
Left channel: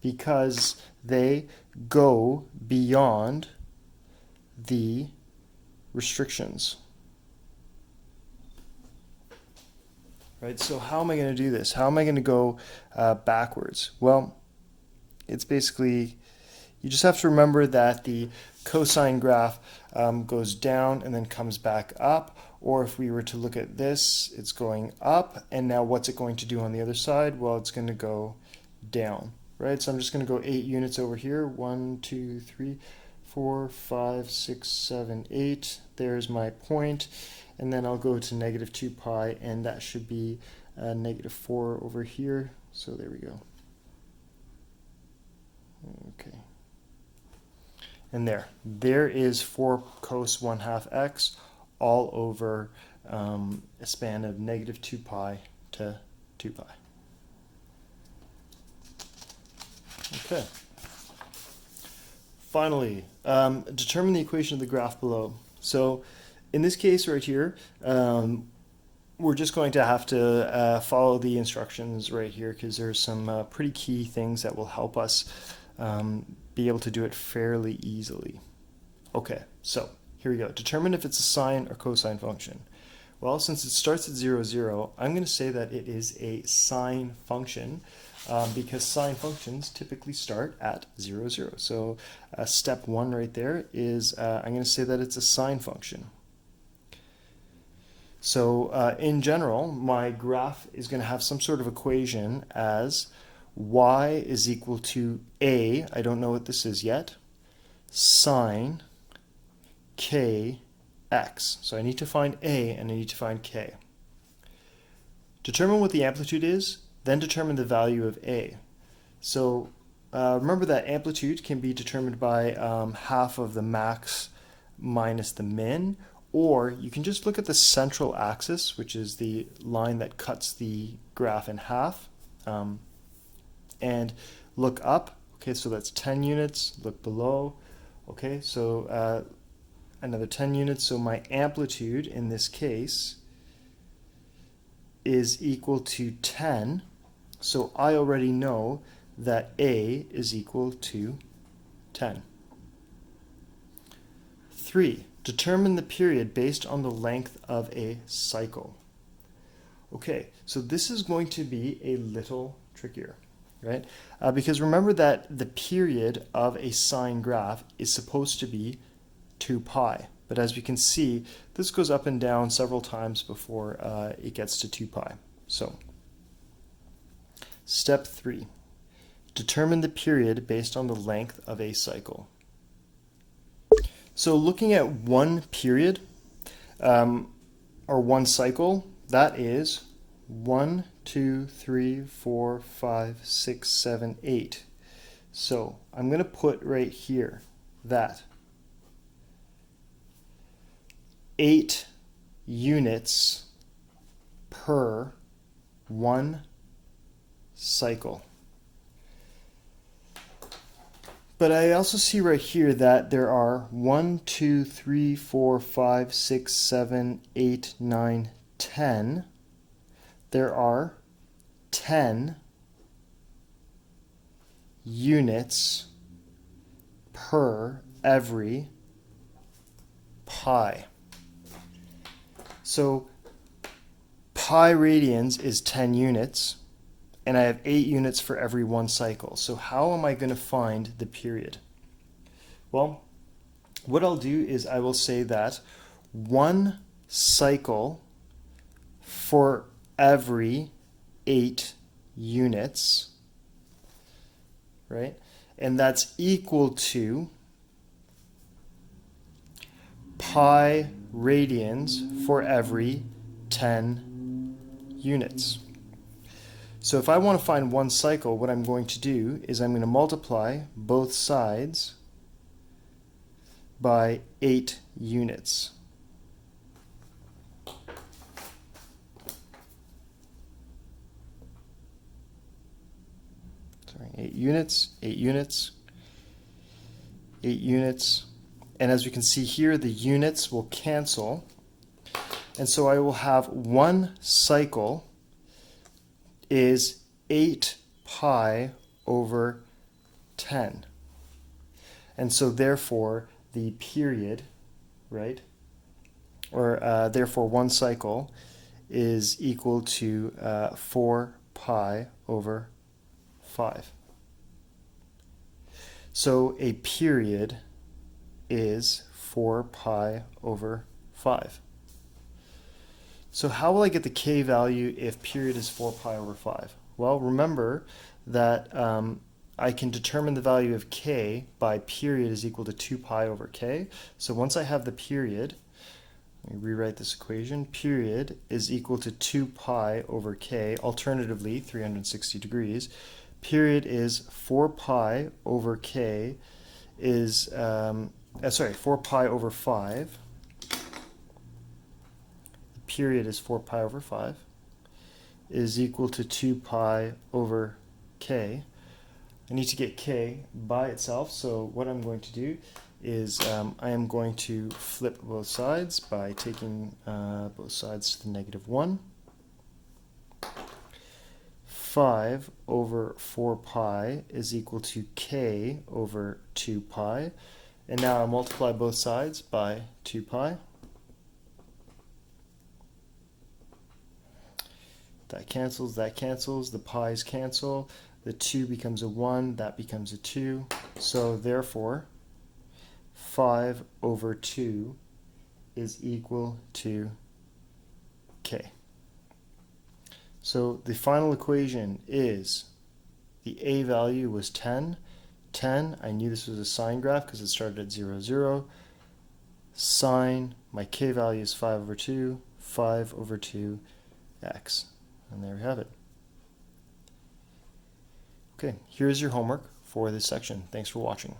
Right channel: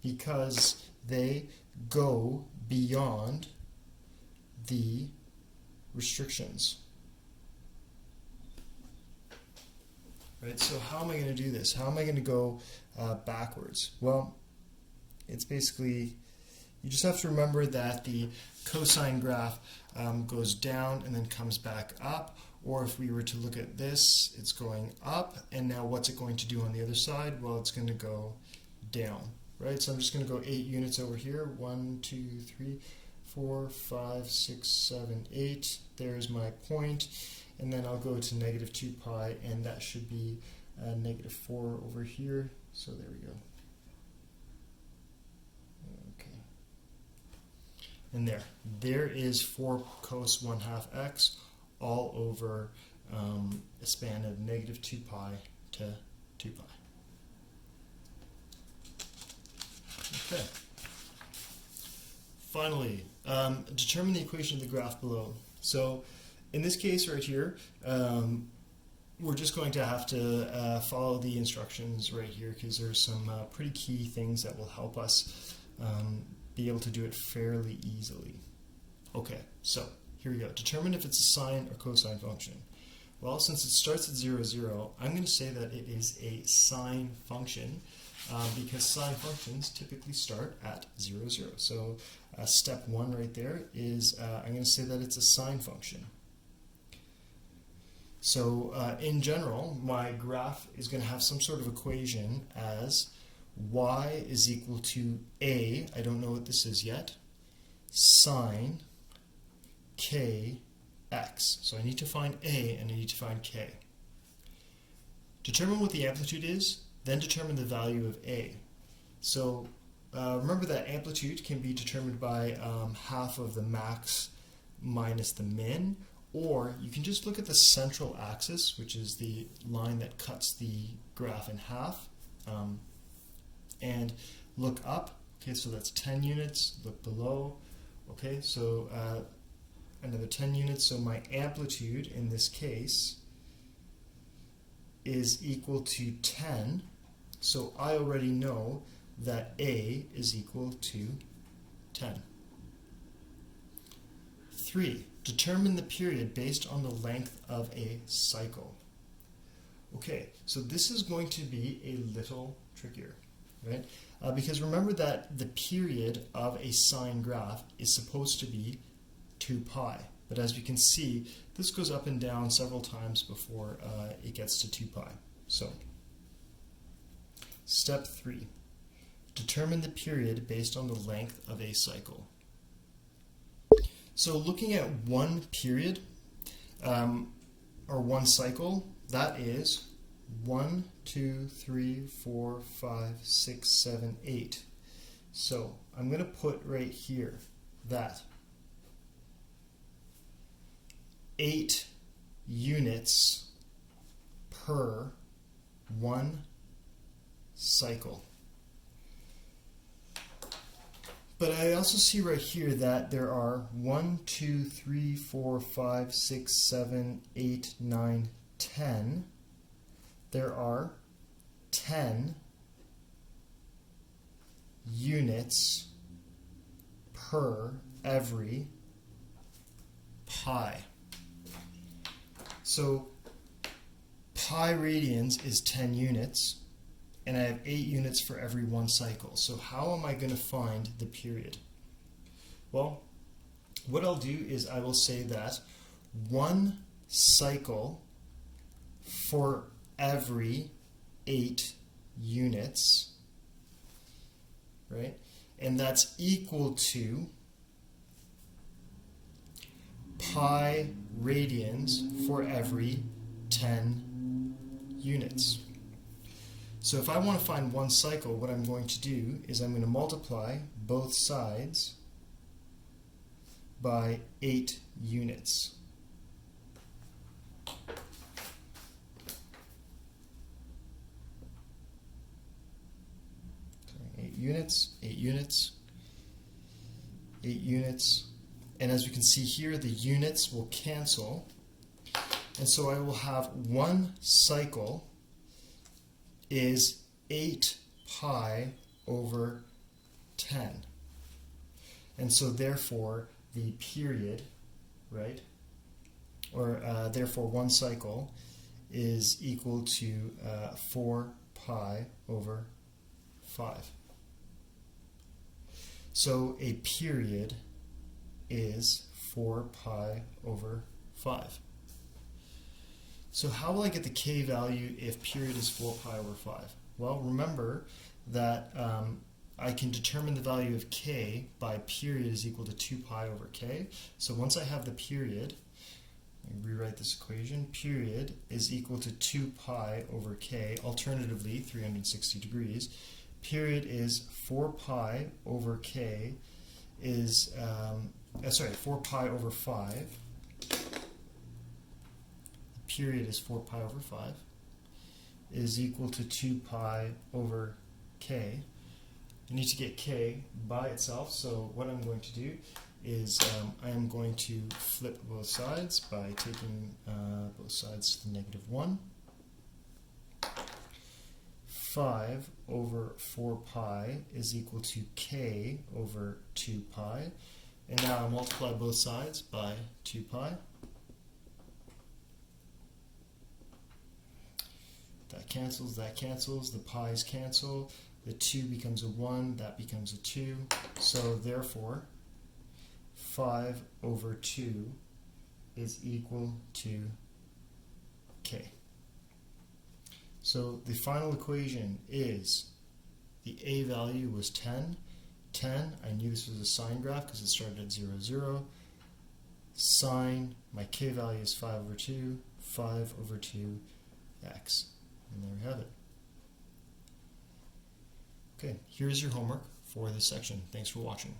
because they go beyond the restrictions. Right, so how am I going to do this? How am I going to go backwards? Well, it's basically, you just have to remember that the cosine graph goes down and then comes back up. Or if we were to look at this, it's going up, and now what's it going to do on the other side? Well, it's going to go down, right? So I'm just going to go 8 units over here. 1, 2, 3, 4, 5, 6, 7, 8. There's my point. And then I'll go to negative 2 pi, and that should be negative 4 over here. So there we go. Okay. And there is 4 cos 1/2 x all over a span of negative 2 pi to 2 pi. Okay. Finally, determine the equation of the graph below. So in this case right here, we're just going to have to follow the instructions right here, because there's some pretty key things that will help us be able to do it fairly easily. Okay, so here we go. Determine if it's a sine or cosine function. Well, since it starts at 0, 0, I'm going to say that it is a sine function, because sine functions typically start at 0, 0. So step 1 right there is I'm going to say that it's a sine function. So in general, my graph is going to have some sort of equation as y is equal to a, I don't know what this is yet, sine k x. So I need to find a and I need to find k. Determine what the amplitude is, then determine the value of a. So remember that amplitude can be determined by half of the max minus the min, or you can just look at the central axis, which is the line that cuts the graph in half, and look up. Okay, so that's 10 units. Look below. Okay, so another 10 units. So my amplitude in this case is equal to 10. So I already know that A is equal to 10. 3. Determine the period based on the length of a cycle. Okay, so this is going to be a little trickier, right? Because remember that the period of a sine graph is supposed to be 2 pi. But as we can see, this goes up and down several times before it gets to 2 pi. So, step 3. Determine the period based on the length of a cycle. So looking at one period, or one cycle, that is 1, 2, 3, 4, 5, 6, 7, 8. So I'm going to put right here that 8 units per one cycle. But I also see right here that there are 1, 2, 3, 4, 5, 6, 7, 8, 9, 10. There are 10 units per every pi. So pi radians is 10 units. And I have 8 units for every one cycle. So how am I going to find the period? Well, what I'll do is I will say that one cycle for every 8 units, right? And that's equal to pi radians for every 10 units. So if I want to find one cycle, what I'm going to do is I'm going to multiply both sides by 8 units. Sorry, 8 units, 8 units, 8 units. And as we can see here, the units will cancel. And so I will have one cycle is 8 pi over 10. And so therefore the period, right, or therefore one cycle is equal to 4 pi over 5. So a period is 4 pi over 5. So how will I get the k value if period is 4 pi over 5? Well, remember that I can determine the value of k by period is equal to 2 pi over k. So once I have the period, let me rewrite this equation. Period is equal to 2 pi over k, alternatively 360 degrees. Period is 4 pi over k is, 4 pi over 5. Period is 4 pi over 5 is equal to 2 pi over k. I need to get k by itself, so what I'm going to do is I am going to flip both sides by taking both sides to the -1. 5 over 4 pi is equal to k over 2 pi. And now I multiply both sides by 2 pi. That cancels, the pi's cancel, the 2 becomes a 1, that becomes a 2. So therefore, 5 over 2 is equal to k. So the final equation is the a value was 10. 10, I knew this was a sine graph because it started at 0, 0. Sine, my k value is 5 over 2, 5 over 2, x. And there we have it. Okay, here's your homework for this section. Thanks for watching.